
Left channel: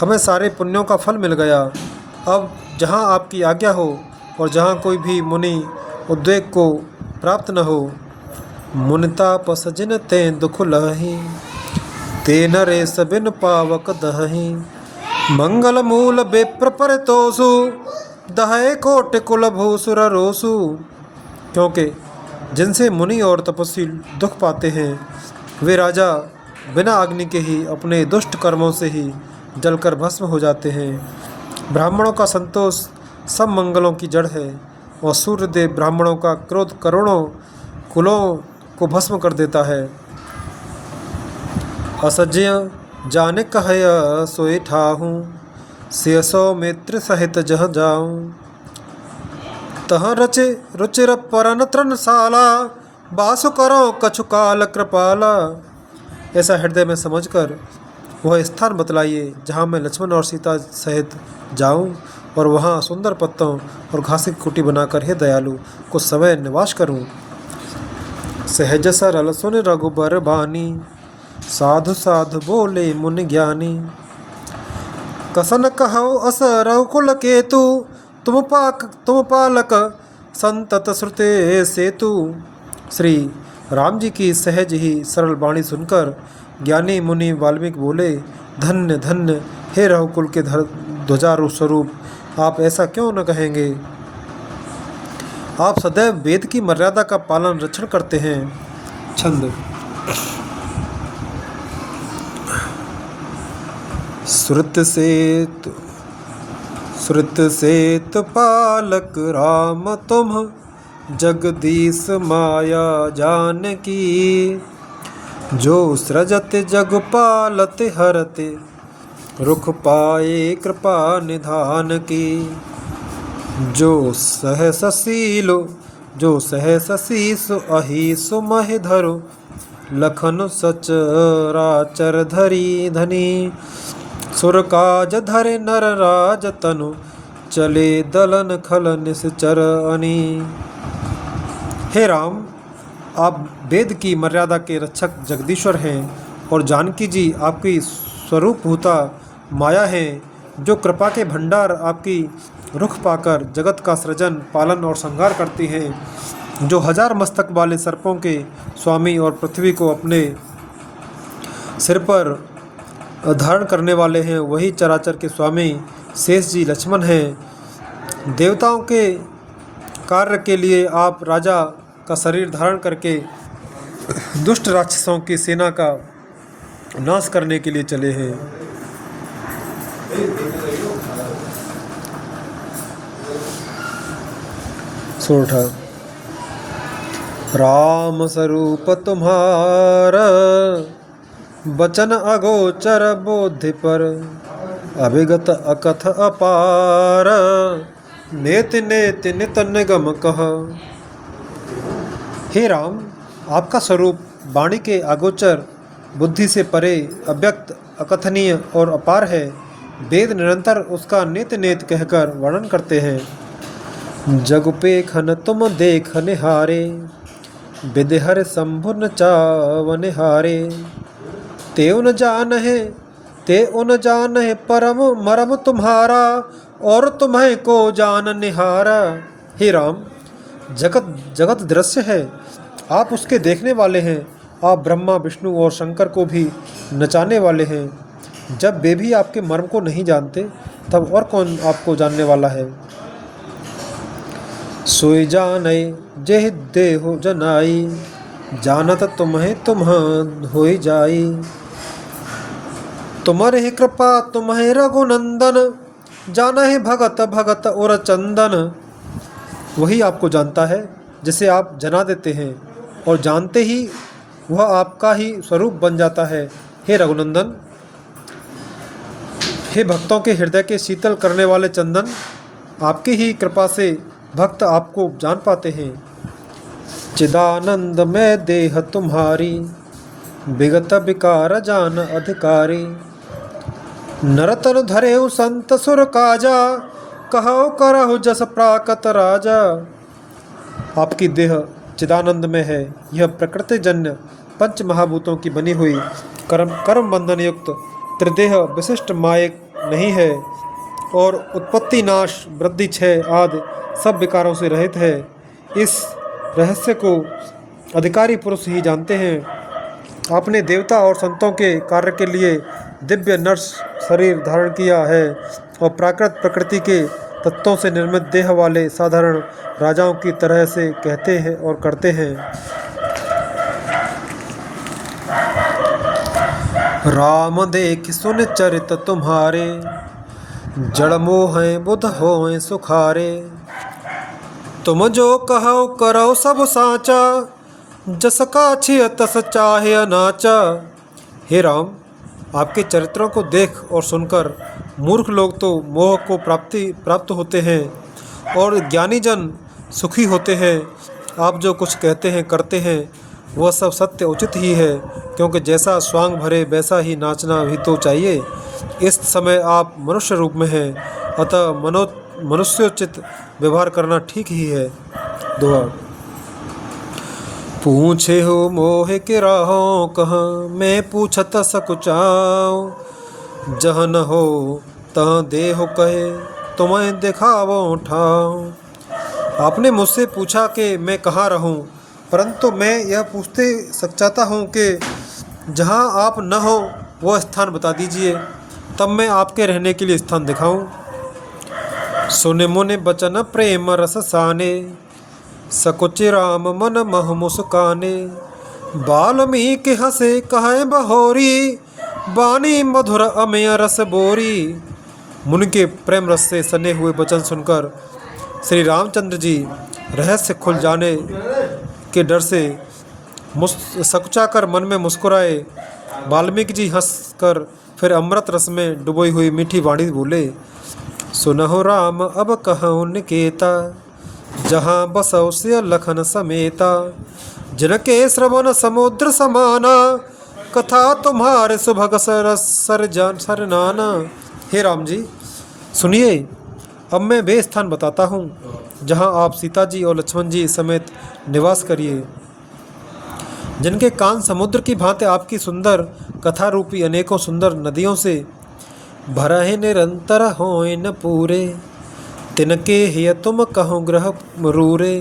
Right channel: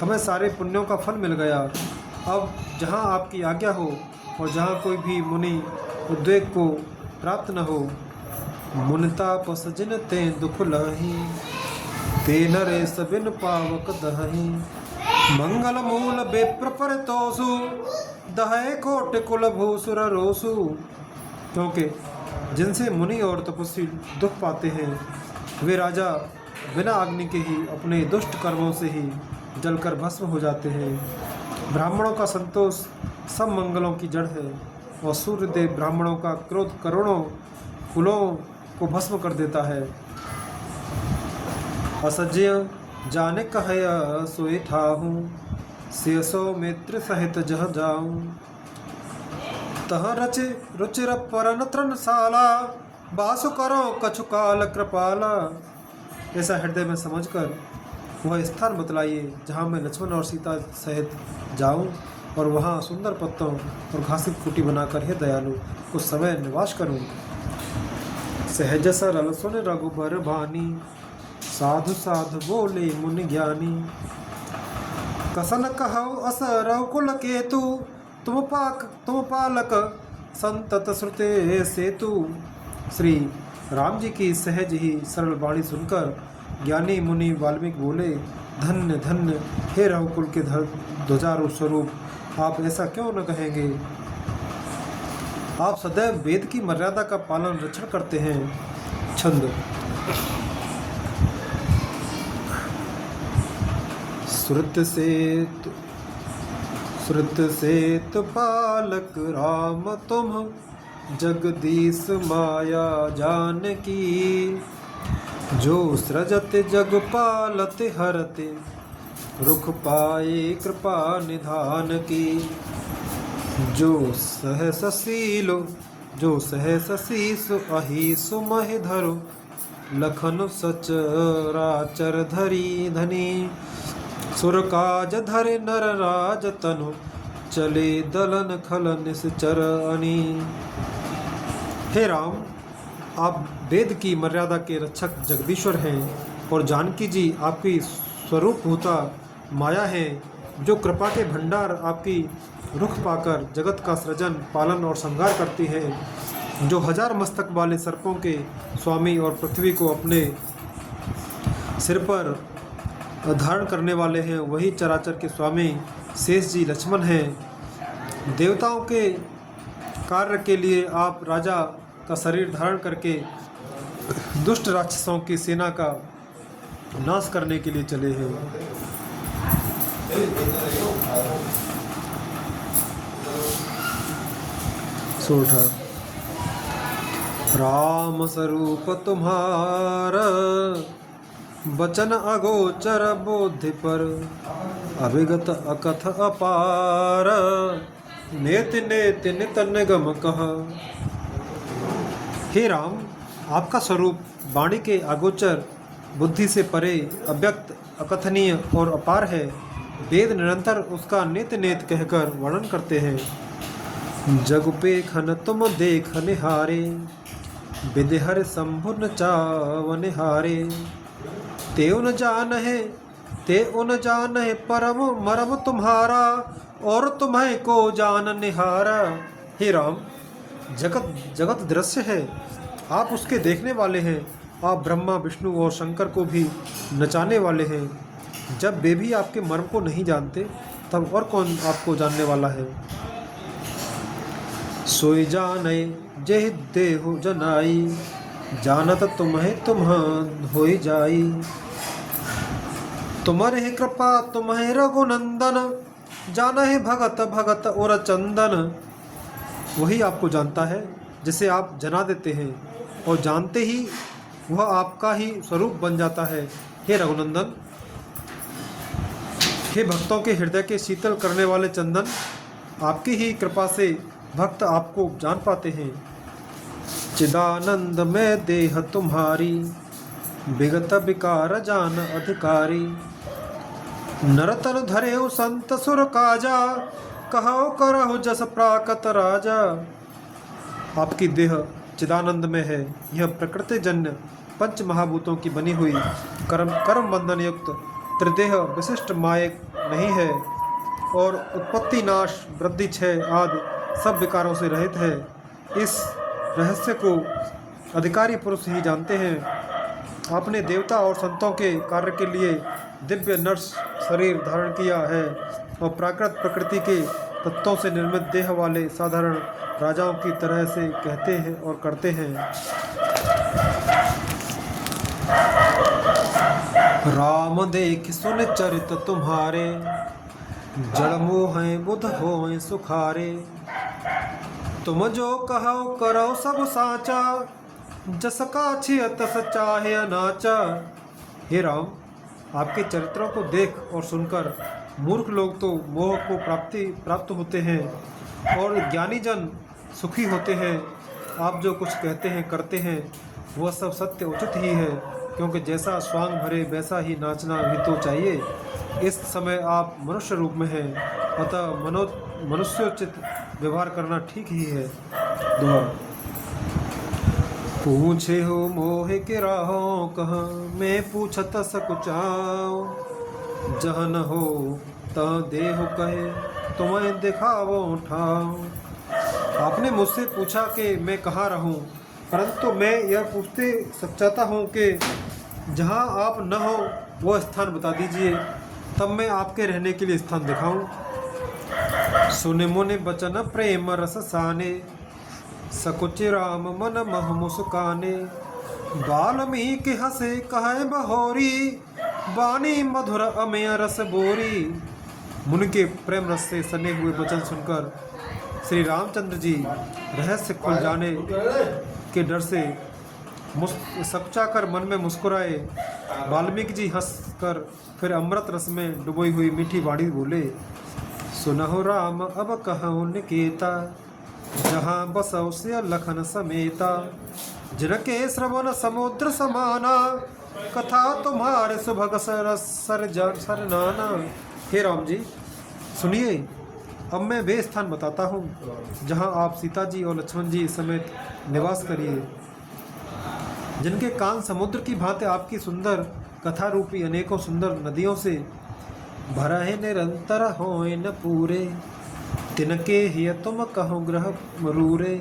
हमें सारे पुण्यों का फल मिल गया। अब जहाँ आपकी आज्ञा हो और जहाँ कोई भी मुनि उद्वेग को प्राप्त न हो। मुनिता पसजिन ते दुख लही, ते नरेश बिन पावक दही। मंगल मूल बेप्र परितोषु, दहय कोटि कुल भूसुर रोसु। क्योंकि जिनसे मुनि और तपस्वी दुख पाते हैं, वे राजा बिना अग्नि के ही अपने दुष्ट कर्मों से ही जलकर भस्म हो जाते हैं। ब्राह्मणों का संतोष सब मंगलों की जड़ है, और सूर्यदेव ब्राह्मणों का क्रोध करोड़ों कुलों को भस्म कर देता है। असज्य जाने कहय सोई ठाहूँ, से सौ मित्र सहित जह जाऊँ। तह रचे रुचिर परन तृणशाला, बासु करो कछु काल कृपाला। ऐसा हृदय में समझकर वह स्थान बतलाइए जहाँ मैं लक्ष्मण और सीता सहित जाऊँ, और वहाँ सुंदर पत्तों और घास की कुटी बनाकर हे दयालु कुछ समय निवास करूँ। सहज सरल सुन रघुबर बानी, साधु साधु बोले मुनि ज्ञानी। कसन कहो अस रघुकुल केतु, तुम पालक संतत श्रुते सेतु। श्री राम जी की सहज ही सरल वाणी सुनकर ज्ञानी मुनि वाल्मीकि बोले, धन्य धन्य हे रघुकुल के ध्वजारूप स्वरूप, आप ऐसा क्यों न कहेंगे। आप सदैव वेद की मर्यादा का पालन रक्षण करते हैं। छंद। श्रुत सेतु पालक राम तुम, जगदीश माया जानकी। जो सृजत जग पालत हरते, रुख पाए कृपा निधान की। जो सहस शीस अहिसु महि धरो, लखन सचराचर धरी धनी। सुर काज धरे नर राज तनु, चले दलन खल निश्चर अनी। हे राम, आप वेद की मर्यादा के रक्षक जगदीश्वर हैं, और जानकी जी आपकी स्वरूपभूता माया है, जो कृपा के भंडार आपकी रुख पाकर जगत का सृजन, पालन और संहार करती हैं। जो हजार मस्तक वाले सर्पों के स्वामी और पृथ्वी को अपने सिर पर धारण करने वाले हैं, वही चराचर के स्वामी शेष जी लक्ष्मण हैं। देवताओं के कार्य के लिए आप राजा का शरीर धारण करके दुष्ट राक्षसों की सेना का नाश करने के लिए चले हैं। सोठा। राम स्वरूप तुम्हारा, बचन अगोचर बोधि पर। अभिगत अकथ अपार, नेति नेति नित निगम कह। हे राम, आपका स्वरूप वाणी के अगोचर, बुद्धि से परे, अव्यक्त, अकथनीय और अपार है। वेद निरंतर उसका नित नेत कहकर वर्णन करते हैं। जग पेखन तुम देख निहारे, विदेहर शंभु न चावन हारे। तेउ न जानहे ते उन जानहे परम मरम तुम्हारा, और तुम्हें को जान निहारा। हे राम, जगत जगत दृश्य है, आप उसके देखने वाले हैं। आप ब्रह्मा विष्णु और शंकर को भी नचाने वाले हैं। जब वे भी आपके मर्म को नहीं जानते, तब और कौन आपको जानने वाला है। सोई जाने जेह देहो जनाई, जानत तुम्हें तुम होई जाई। तुम्हारे कृपा तुम्हें रघुनंदन, जाना है भगत भगत और चंदन। वही आपको जानता है जिसे आप जना देते हैं, और जानते ही वह आपका ही स्वरूप बन जाता है। हे रघुनंदन, हे भक्तों के हृदय के शीतल करने वाले चंदन, आपकी ही कृपा से भक्त आपको जान पाते हैं। चिदानंद में देह तुम्हारी, विगत विकार जान अधिकारी। नरतन धरेउ संत सुर काजा, कहो करहु जस प्राकत राजा। आपकी देह चिदानंद में है। यह प्रकृति जन्य पंच महाभूतों की बनी हुई कर्म बंधन युक्त त्रिदेह विशिष्ट मायक नहीं है, और उत्पत्ति नाश वृद्धि क्षय आदि सब विकारों से रहित है। इस रहस्य को अधिकारी पुरुष ही जानते हैं। आपने देवता और संतों के कार्य के लिए दिव्य नर्स शरीर धारण किया है, और प्राकृत प्रकृति के तत्वों से निर्मित देह वाले साधारण राजाओं की तरह से कहते हैं और करते हैं। राम देख सुन चरित तुम्हारे, जड़ मोह बुध होए सुखारे। तुम जो कहो करो सब साचा, जस काछिय तस चाहे अनाचा। हे राम, आपके चरित्रों को देख और सुनकर मूर्ख लोग तो मोह को प्राप्त होते हैं, और ज्ञानी जन सुखी होते हैं। आप जो कुछ कहते हैं करते हैं वह सब सत्य उचित ही है, क्योंकि जैसा स्वांग भरे वैसा ही नाचना भी तो चाहिए। इस समय आप मनुष्य रूप में हैं, अतः मनुष्योचित व्यवहार करना ठीक ही है। दुआ। पूछे हो मोह के राहों कहाँ, मैं पूछत सकुचाओ। जह न हो तह देहो कहे, तुम्हें दिखावो ठाओ। आपने मुझसे पूछा कि मैं कहाँ रहूं, परंतु मैं यह पूछते सचाता हूँ कि जहाँ आप न हो वह स्थान बता दीजिए, तब मैं आपके रहने के लिए स्थान दिखाऊं। सुने मुने बचन प्रेम रस साने, सकुच राम मन मह मुस्काने। वाल्मीकि हंसे कहे बहोरी, बानी मधुर अमेय रस बोरी। मुनि के प्रेम रस से सने हुए वचन सुनकर श्री रामचंद्र जी रहस्य खुल जाने के डर से सकुचाकर मन में मुस्कुराए। वाल्मीकि जी हंसकर फिर अमृत रस में डुबोई हुई मीठी वाणी बोले। सुनहु राम अब कहूँ निकेता, जहाँ बसौ से लखन समेता। जिनके श्रवण समुद्र समाना, कथा तुम्हारे सुभग सर नाना। हे राम जी, सुनिए, अब मैं वे स्थान बताता हूँ जहाँ आप सीता जी और लक्ष्मण जी समेत निवास करिए। जिनके कान समुद्र की भांति आपकी सुंदर कथा रूपी अनेकों सुंदर नदियों से भरहे निरंतर होए न पूरे। तिनके हिय तुम कहो ग्रह मरूरे।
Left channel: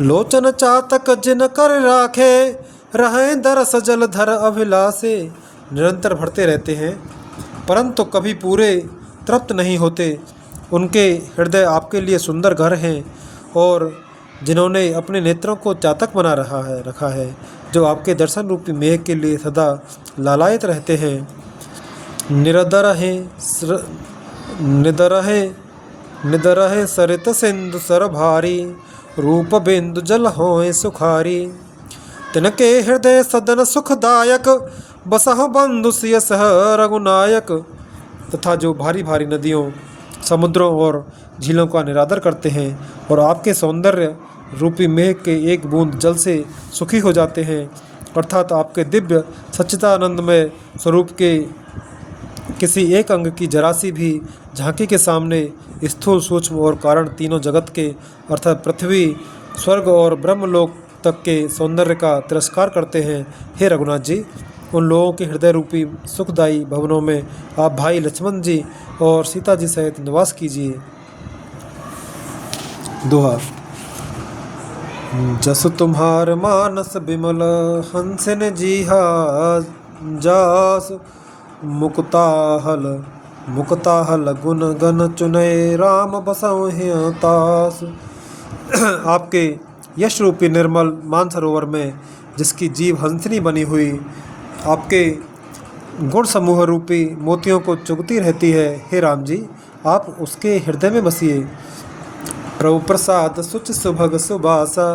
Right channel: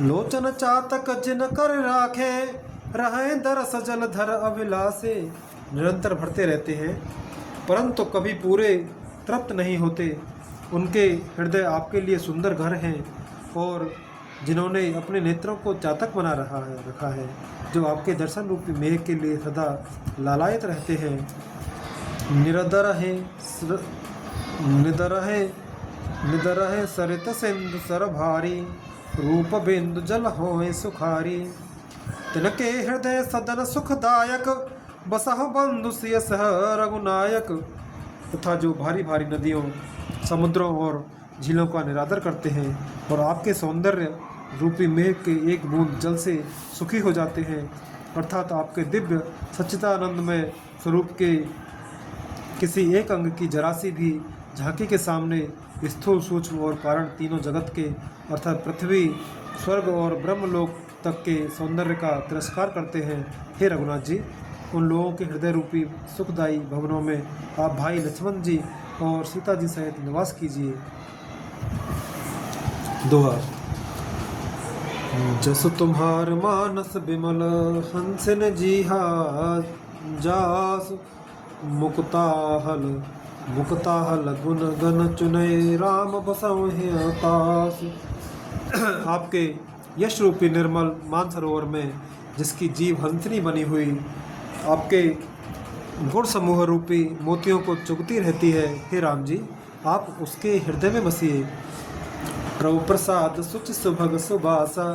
लोचन चातक जिन कर राखे, रहे दरस जलधर अभिलाषे। निरंतर भरते रहते हैं, परंतु कभी पूरे तृप्त नहीं होते। उनके हृदय आपके लिए सुंदर घर हैं, और जिन्होंने अपने नेत्रों को चातक बना रखा है, जो आपके दर्शन रूपी मेघ के लिए सदा लालायित रहते हैं। निदरहे सरित सिंधु सर भारी, रूप बिंदु जल होए सुखारी। तिनके हृदय सदन सुखदायक, बसहु बंधु सिय सह रघुनायक। तथा जो भारी भारी नदियों, समुद्रों और झीलों का निरादर करते हैं, और आपके सौंदर्य रूपी मेघ के एक बूंद जल से सुखी हो जाते हैं, अर्थात आपके दिव्य सच्चिदानंदमय स्वरूप के किसी एक अंग की जरा सी भी झांकी के सामने स्थूल, सूक्ष्म और कारण तीनों जगत के अर्थात पृथ्वी, स्वर्ग और ब्रह्मलोक तक के सौंदर्य का तिरस्कार करते हैं। हे रघुनाथ जी, उन लोगों के हृदय रूपी सुखदायी भवनों में आप भाई लक्ष्मण जी और सीता जी सहित निवास कीजिए। दोहा। जस तुम्हार मानस बिमल हंसिन जीहा जास, मुक्ताहल गुण गन चुनय राम बसहु तास। आपके यश रूपी निर्मल मानसरोवर में जिसकी जीव हंसनी बनी हुई आपके गुण समूह रूपी मोतियों को चुगती रहती है, हे राम जी आप उसके हृदय में बसिए। प्रभु प्रसाद सुच सुभग सुबासा,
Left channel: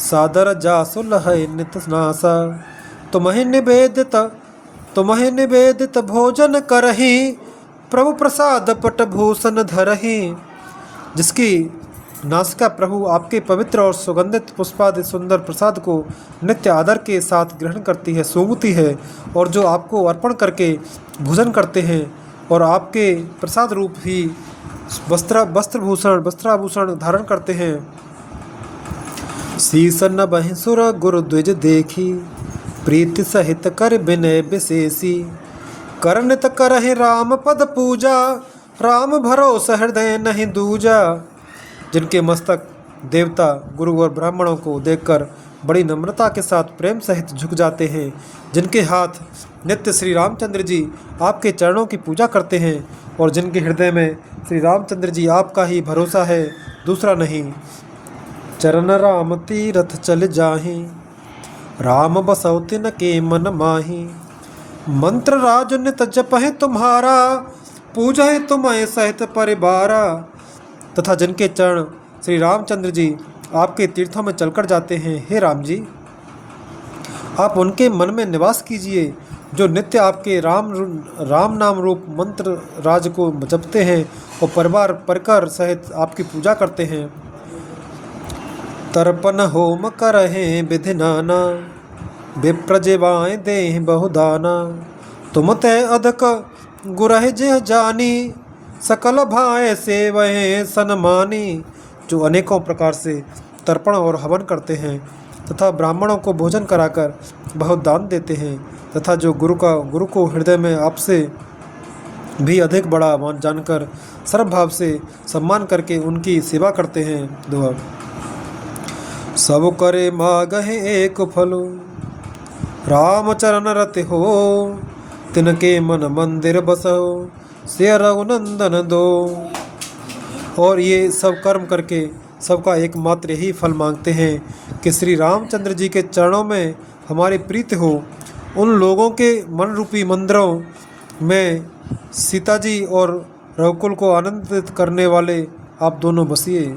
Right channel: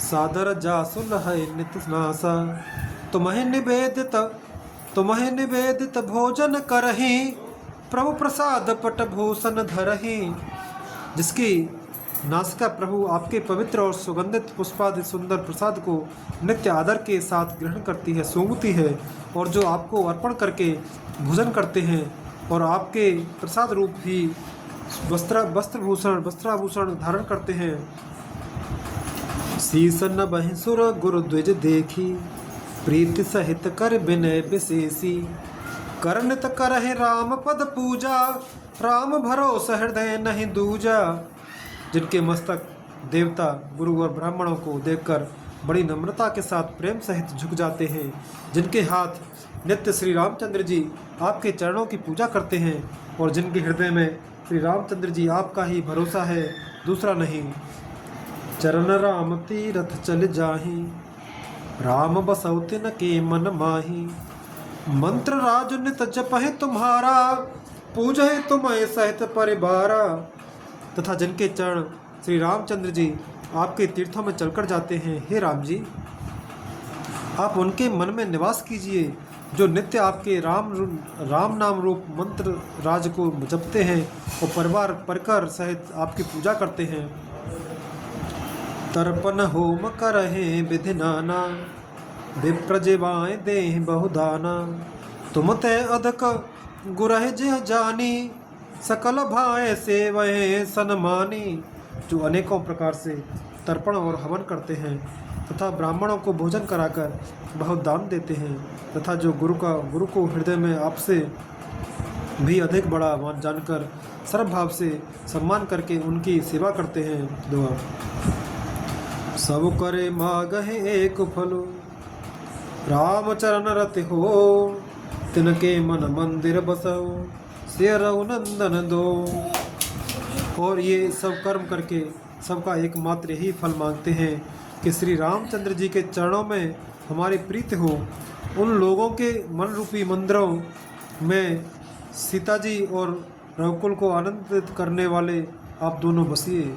सादर जासु लहै नित नासा। तुम्हें निवेदित भोजन करही, प्रभु प्रसाद पट भूषण धरही। जिसकी नासिका प्रभु आपके पवित्र और सुगंधित पुष्पादि सुंदर प्रसाद को नित्य आदर के साथ ग्रहण करती है, सूंघती है, और जो आपको अर्पण करके भोजन करते हैं और आपके प्रसाद रूप ही वस्त्राभूषण धारण करते हैं। शीस नभहि सुर गुरु द्विज देखी, प्रीति सहित कर विनय विशेषी। करनित करहि राम पद पूजा, राम भरोस हृदय नहीं दूजा। जिनके मस्तक देवता, गुरु और ब्राह्मणों को देखकर बड़ी नम्रता के साथ प्रेम सहित झुक जाते हैं, जिनके हाथ नित्य श्री रामचंद्र जी आपके चरणों की पूजा करते हैं और जिनके हृदय में श्री रामचंद्र जी आपका ही भरोसा है, दूसरा नहीं। चरण राम तीरथ चल जाहि, राम बसौ तिन के मन माही। मंत्र राज नित जपहि तुम्हारा, पूजहि तुम्हें सहित परिवारा। तथा जिनके चरण श्री रामचंद्र जी आपके तीर्थों में चलकर जाते हैं, हे राम जी आप उनके मन में निवास कीजिए, जो नित्य आपके राम नाम रूप मंत्र राज को जपते हैं और परिवार परिकर सहित आपकी पूजा करते हैं। तर्पण होम करहे विधि नाना, विप्रजेवाएँ देहि बहुदाना। तुम तय अधिक गुरह जिह जानी, सकल भाए सेवहे सनमानी। जो अनेकों प्रकार से तर्पण और हवन करते हैं तथा ब्राह्मणों को भोजन कराकर बहुत दान देते हैं, तथा जो गुरु को हृदय में आपसे भी अधिक बड़ा जानकर सर्वभाव से सम्मान करके उनकी सेवा करते हैं। दोहा। सब करे मागहि एक फलो, राम चरण रति हो। तिनके मन मंदिर बसो, से रघुनंदन दो। और ये सब कर्म करके सबका एकमात्र यही फल मांगते हैं कि श्री रामचंद्र जी के चरणों में हमारी प्रीति हो। उन लोगों के मन रूपी मंदिरों में सीता जी और रघुकुल को आनंदित करने वाले आप दोनों बसिए।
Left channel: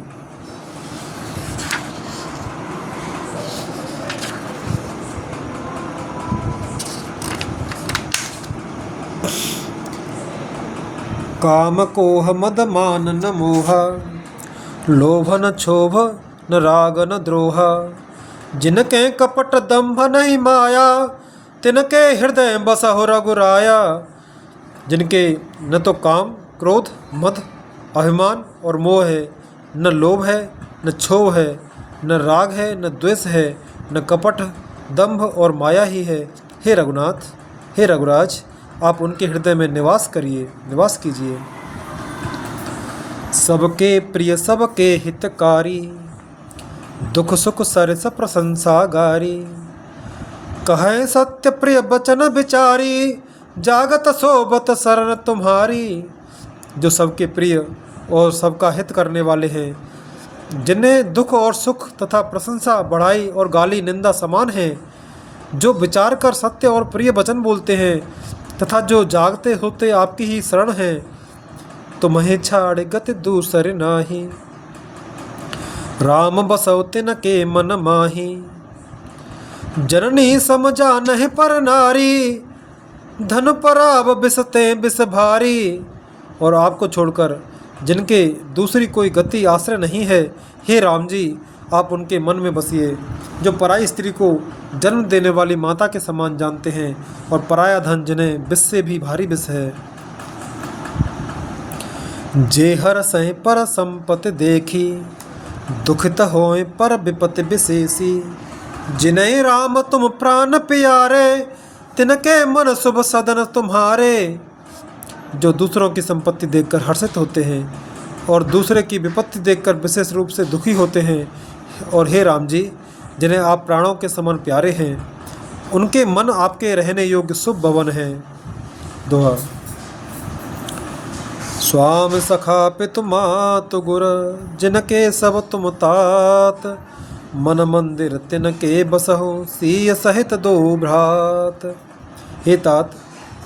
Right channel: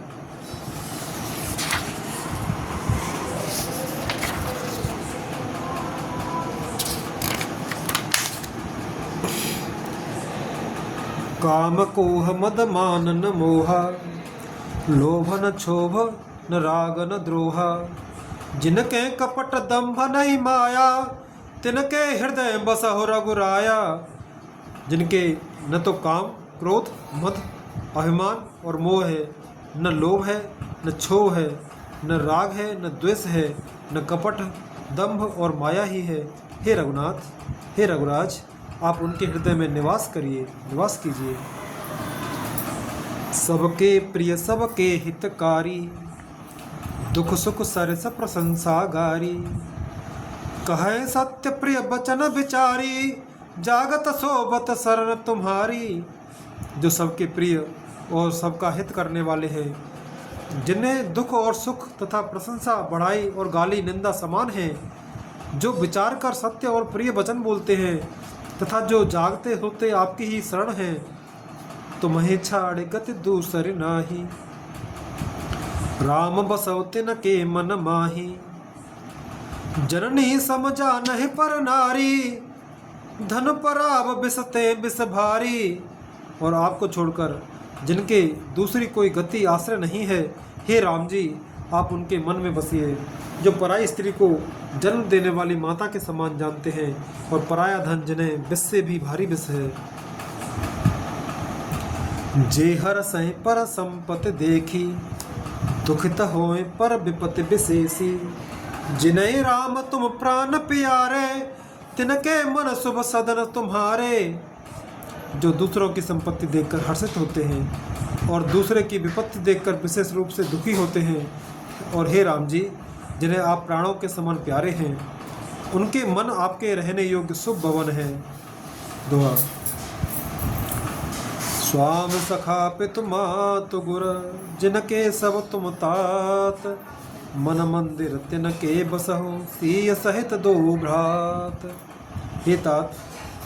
काम कोह मद मान न मोहा, लोभ न क्षोभ न राग न द्रोह। जिनके कपट दंभ नहीं माया, तिनके हृदय बसहु रघुराया। जिनके न तो काम, क्रोध, मद, अभिमान और मोह है, न लोभ है, न क्षोभ है, न राग है, न द्वेष है, न कपट, दंभ और माया ही है। हे रघुनाथ, हे रघुराज, आप उनके हृदय में निवास कीजिए। सबके प्रिय सबके हितकारी, दुख सुख सरस प्रशंसा गारी। कहे सत्य प्रिय बचन विचारी, जागत सोबत शरण तुम्हारी। जो सबके प्रिय और सबका हित करने वाले हैं, जिन्हें दुख और सुख तथा प्रशंसा, बढ़ाई और गाली निंदा समान है, जो विचार कर सत्य और प्रिय वचन बोलते हैं तथा जो जागते होते आपकी ही शरण है। तुम्हें छाड़ गति दूसर नाही, राम बसौ तिन के मन माही। जननी समझा नहीं पर नारी, धन पराब बिसते बिस भारी। और आपको छोड़कर जिनके दूसरी कोई गति आश्रय नहीं है, हे राम जी आप उनके मन में बसिए। जो पराई स्त्री को जन्म देने वाली माता के समान जानते हैं और पराया धन जिन्हें विष से भी भारी विष है। जे हर सह पर संपत्ति देखी, दुखित होए पर विपत्ति विशेषी। जिन्हें राम तुम प्राण प्यारे, तिनके मन शुभ सदन तुम्हारे। जो दूसरों की संपत्ति देखकर हर्षित होते हैं और दूसरे की विपत्ति देखकर विशेष रूप से दुखी होते हैं, और हे राम जी, जिन्हें आप प्राणों के समान प्यारे हैं, उनके मन आपके रहने योग्य शुभ भवन हैं। दोहा। स्वामी सखा पितु मातु गुर, जिनके सब तुम तात। मन मंदिर तिनके बसहु, सीय सहित दो भ्रात। हे तात,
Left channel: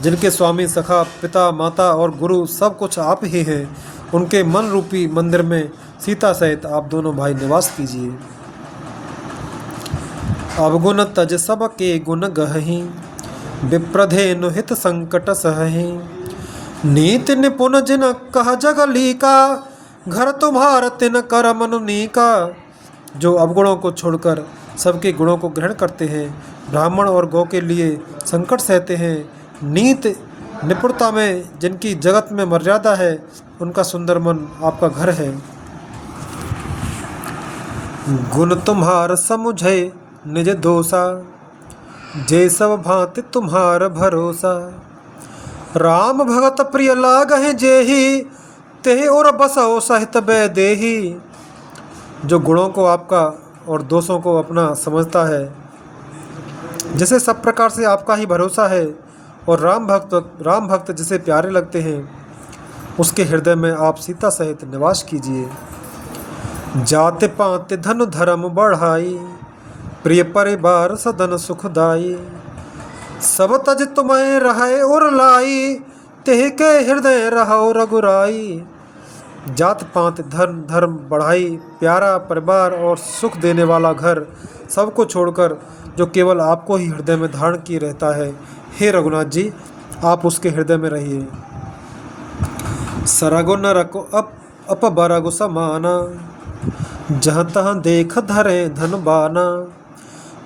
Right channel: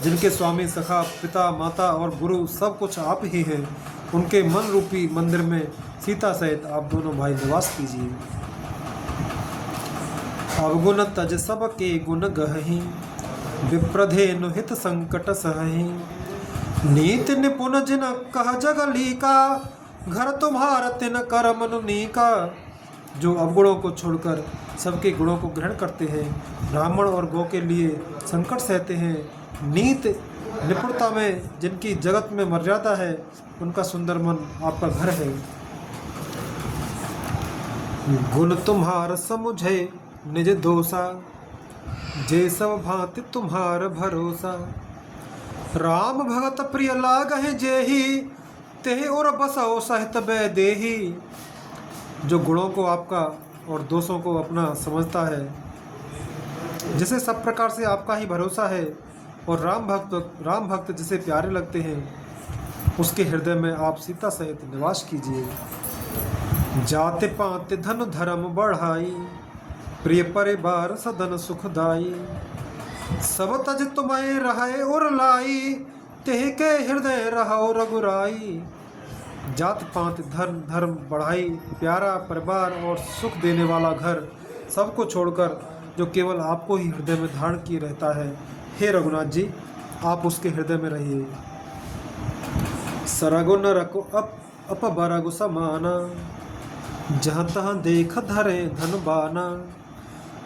जिनके स्वामी सखा पिता माता और गुरु सब कुछ आप ही हैं, उनके मन रूपी मंदिर में सीता सहित आप दोनों भाई निवास कीजिए। अवगुण तज सब के गुण गहहि, विप्रधेनु हित संकट सहहि। नीति निपुण जिन कह जग लीका, घर तुम्हार तिन कर मनु नीका। जो अवगुणों को छोड़कर सबके गुणों को ग्रहण करते हैं, ब्राह्मण और गौ के लिए संकट सहते हैं, नीति निपुणता में जिनकी जगत में मर्यादा है, उनका सुंदर मन आपका घर है। गुण तुम्हार समुझे निज दोषा, जे सब भांति तुम्हार भरोसा। राम भगत प्रिय लागहि जेहि, तेहि और बसो सहित बैदेहि। जो गुणों को आपका और दोषों को अपना समझता है, जिसे सब प्रकार से आपका ही भरोसा है, और राम भक्त जिसे प्यारे लगते हैं, उसके हृदय में आप सीता सहित निवास कीजिए। जाति पाति धन धर्म बढ़ाई, प्रिय परिवार सदन सुखदाई। सब तज तुम्हें रहे और लाई, तेहि के हृदय रहो रघुराई। जात पात धन धर्म बढ़ाई, प्यारा परिवार और सुख देने वाला घर, सबको छोड़कर जो केवल आपको ही हृदय में धारण किए रहता है, हे रघुनाथ जी, आप उसके हृदय में रहिए। सरगु नरको अप बरगु समाना, जहाँ तहाँ देख धरे धन बाना।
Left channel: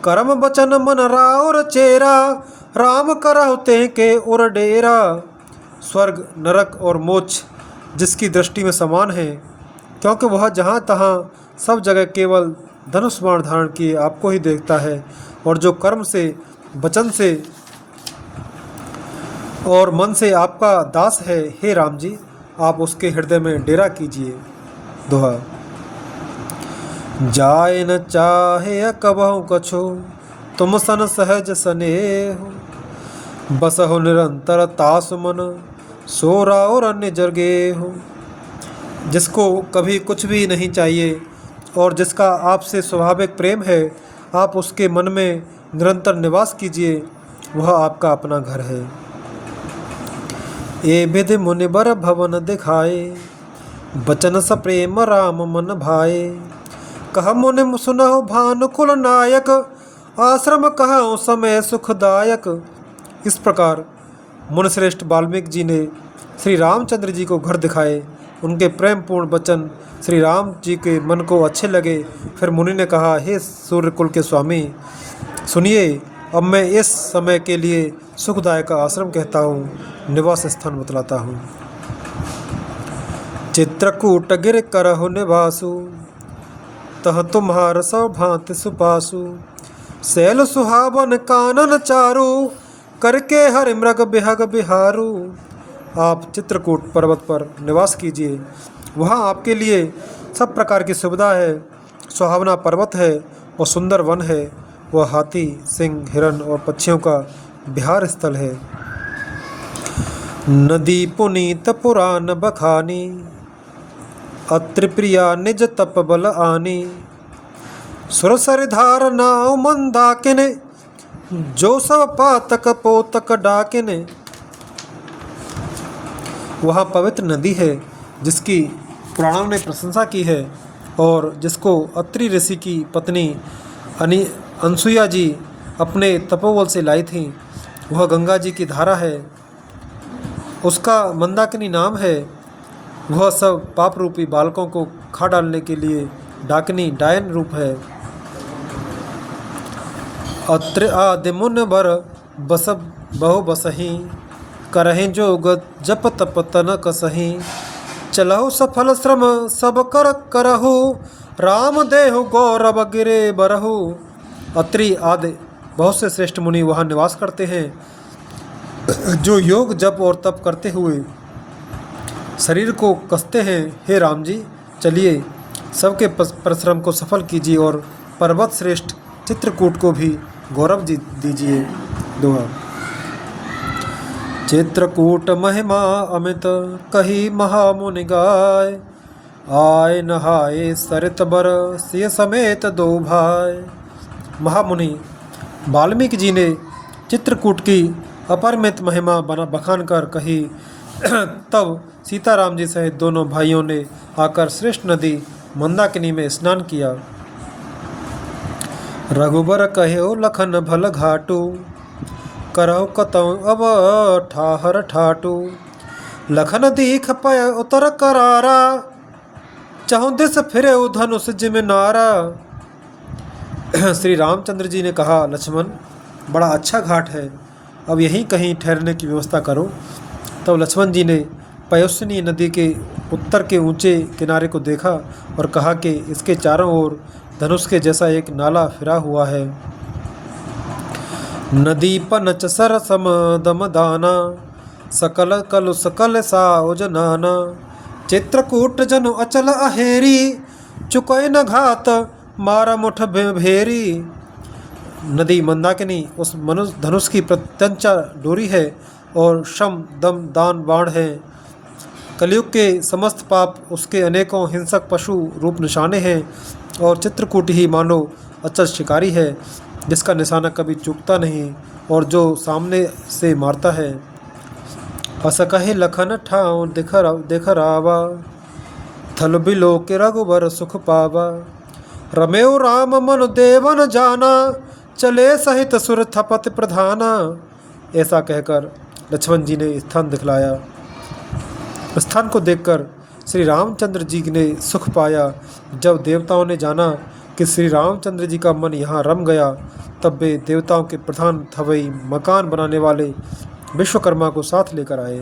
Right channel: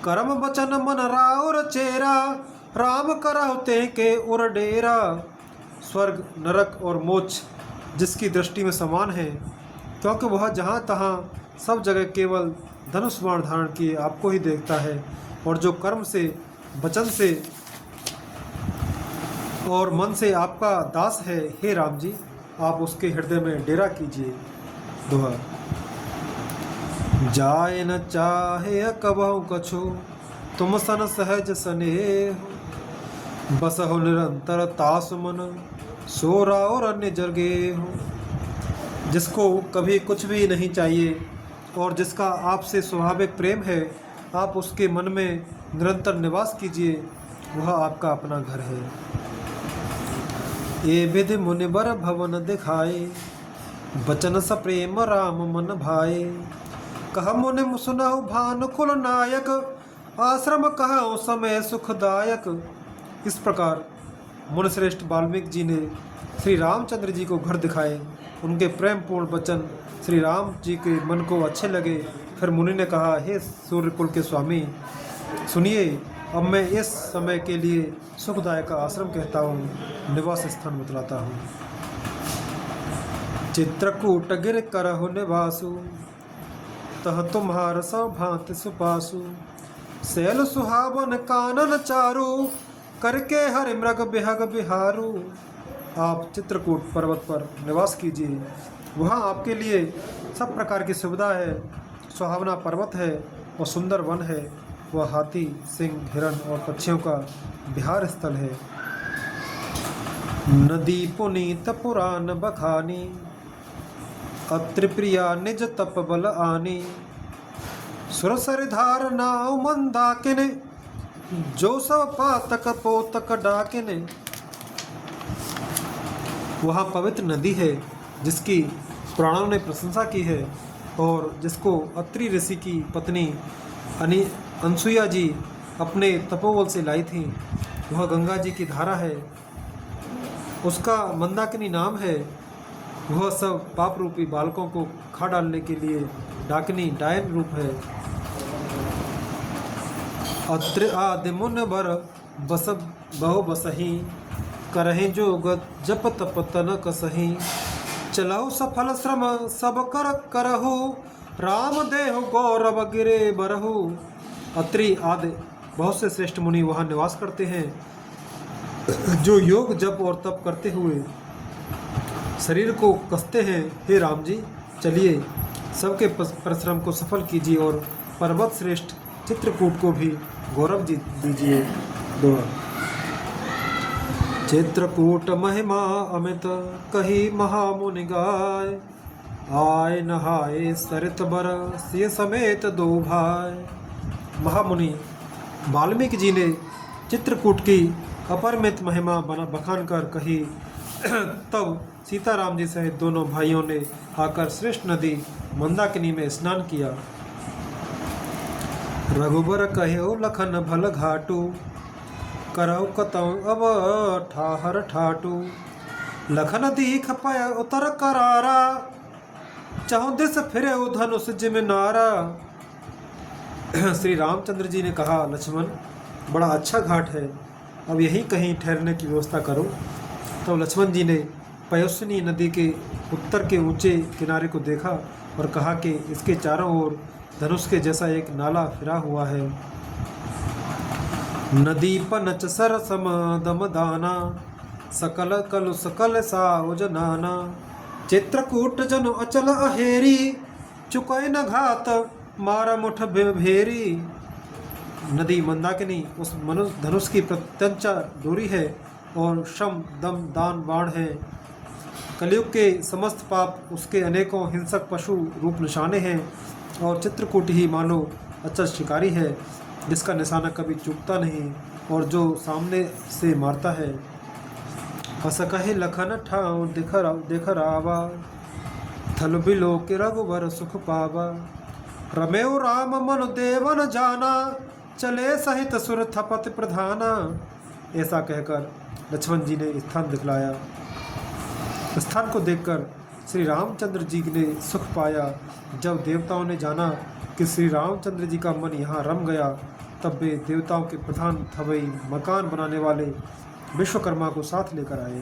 कर्म बचन मन राउर चेरा, राम करहु ते के उर डेरा। स्वर्ग नरक और मोक्ष जिसकी दृष्टि में समान है, क्योंकि वह जहाँ तहाँ सब जगह केवल धनुष बाण धारण किए आपको ही देखता है, और जो कर्म से वचन से और मन से आपका दास है, हे राम जी, आप उसके हृदय में डेरा कीजिए। दोहा। जाय न चाहे कबहु कछु, तुम सन सहज स्नेह। बसहु निरंतर तासु मन, सो राउर अन्य जरगे हो। जिसको कभी कुछ भी नहीं चाहिए और जिसका आपसे स्वाभाविक प्रेम है, आप उसके मन में निरंतर निवास कीजिए, वह आपका अपना घर है। ए विधि मुनिबर भवन दिखाए, बचन सप्रेम राम मन भाए। कह मुनि सुनहु भानुकुल नायक, आश्रम कहु समय सुखदायक। इस प्रकार मुनिश्रेष्ठ वाल्मीकि जी ने श्री रामचंद्र जी को घर दिखाए। उनके प्रेम पूर्ण वचन श्री राम जी के मन को अच्छे लगे। फिर मुनि ने कहा, हे सूर्यकुल के स्वामी, सुनिए, अब मैं इस समय के लिए सुखदायक का आश्रम कहता हूँ, निवास स्थान बतलाता हूँ। चित्रकूट गिर करहु निवासु, तह तुम्हार सब भांति सुपासु। शैल सुहावन कानन चारु, करके हरि मृग बिहग बिहारू। आप चित्रकूट पर्वत पर निवास कीजिए, वहाँ आपके लिए सब प्रकार की सुविधा है। सुहावना पर्वत है और सुंदर वन है। वह हाथी, सिंह, हिरण और पक्षियों का विहार स्थल है। नदी पुनीत पुराण बखानी, अत्रि प्रिया निज तप बल आनी। सुरसर धार नाव मंदाकिने, जो सब पातक पोतक डाकिने। वहाँ पवित्र नदी है जिसकी पुराणों ने प्रशंसा की है, और जिसको अत्रि ऋषि की पत्नी अनसुईया जी अपने तपोबल से लाई थी। वह गंगा जी की धारा है, उसका मंदाकिनी नाम है। वह सब पाप रूपी बालकों को खा डालने के लिए डाकिनी डायन रूप है। अत्र आदि मुन बर बस बहु बसही, करहि जोग जप तप तन कसही। चलहु सफल श्रम सब कर करहु, राम देहु गौरव गिरे बरहु। अत्रि आदि बहुत से श्रेष्ठ मुनि वहाँ निवास करते हैं, जो योग जप और तप करते हुए शरीर को कसते हैं। हे राम जी, चलिए सबके परिश्रम को सफल कीजिए और पर्वत श्रेष्ठ चित्रकूट को भी गौरव दीजिए। दोहा। चित्रकूट महिमा अमित कही महामुनि गाय, आय नहाए सरित बर सिय समेत दो भाई। महामुनि वाल्मीकि जी ने चित्रकूट की अपरिमित महिमा बखान कर कही। तब सीताराम जी सहित दोनों भाइयों ने आकर श्रेष्ठ नदी मंदाकिनी में स्नान किया। रघुबर कहो लखन भल घाटू, करहु कतौ अब ठाहर ठाटू। लखन दीख पय उतर करारा, चहुँ दिस फिरे धनुष जिम नारा। श्री रामचंद्र जी ने कहा, लक्ष्मण बड़ा अच्छा घाट है, अब यहीं कहीं ठहरने की व्यवस्था करो। तब लक्ष्मण जी ने पयोस्विनी नदी के उत्तर के ऊंचे किनारे को देखा और कहा कि इसके चारों ओर धनुष के जैसा एक नाला फिरा हुआ है। नदी पनच सर सम दम दाना, सकल कलु सकल साओज नाना। चित्रकूट जनु अचल अहेरी, चुकोय न घात मारा मुठ भेरी। नदी मंदाकिनी उस मनुष्य धनुष की प्रत्यंचा डोरी है और शम दम दान बाण है। कलयुग के समस्त पाप उसके अनेकों हिंसक पशु रूप निशाने हैं और चित्रकूट ही मानो अचल शिकारी है, जिसका निशाना कभी चूकता नहीं और जो सामने से मारता है। अस कहे लखन ठाव देख रावा, थल बिलो के रघुबर सुख पावा। रमेउ राम मनु देवन जाना, चले सहित सुर थपत प्रधाना। ऐसा कहकर लक्ष्मण जी ने स्थान दिखलाया। स्थान को देखकर श्री रामचंद्र जी ने सुख पाया। जब देवताओं ने जाना कि श्री रामचंद्र जी का मन यहाँ रम गया, तब वे देवताओं के प्रधान थवई मकान बनाने वाले विश्वकर्मा को साथ लेकर आए।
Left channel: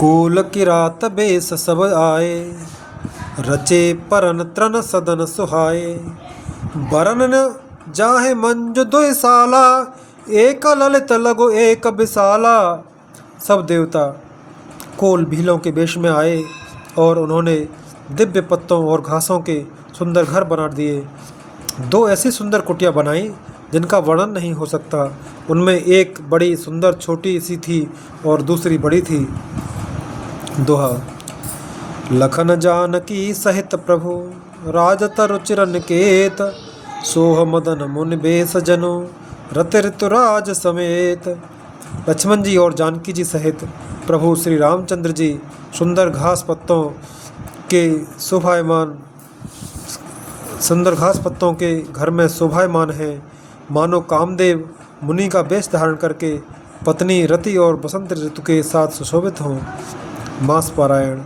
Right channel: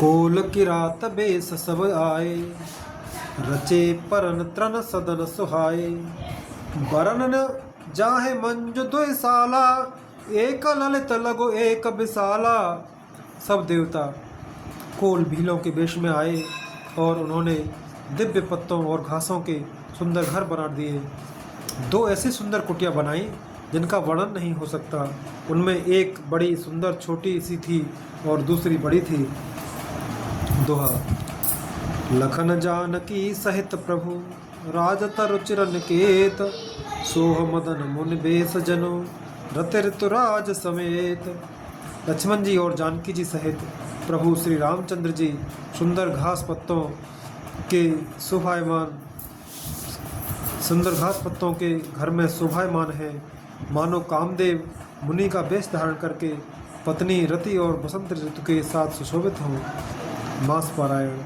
कोल की रात बेस सब आए, रचे परन त्रन सदन सुहाए। बरन न जाहे मंजु दुई साला, एक ललित लगो एक विशाला। सब देवता कोल भीलों के वेश में आए और उन्होंने दिव्य पत्तों और घासों के सुंदर घर बना दिए। दो ऐसी सुंदर कुटिया बनाई जिनका वर्णन नहीं हो सकता। उनमें एक बड़ी सुंदर छोटी सी थी और दूसरी बड़ी थी। दोहा। लखन जानकी सहित प्रभु, राजतर चिरन केत। सोह मदन मुनि बेस जनु, रति ऋतुराज समेत। लक्ष्मण जी और जानकी जी सहित प्रभु श्री रामचंद्र जी सुंदर घास पत्तों के घर में शोभायमान हैं, मानो कामदेव मुनि का वेश धारण करके पत्नी रति और बसंत ऋतु के साथ सुशोभित हों। मास पारायण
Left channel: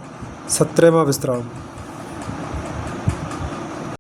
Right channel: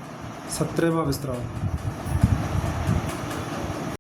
17वां विश्राम।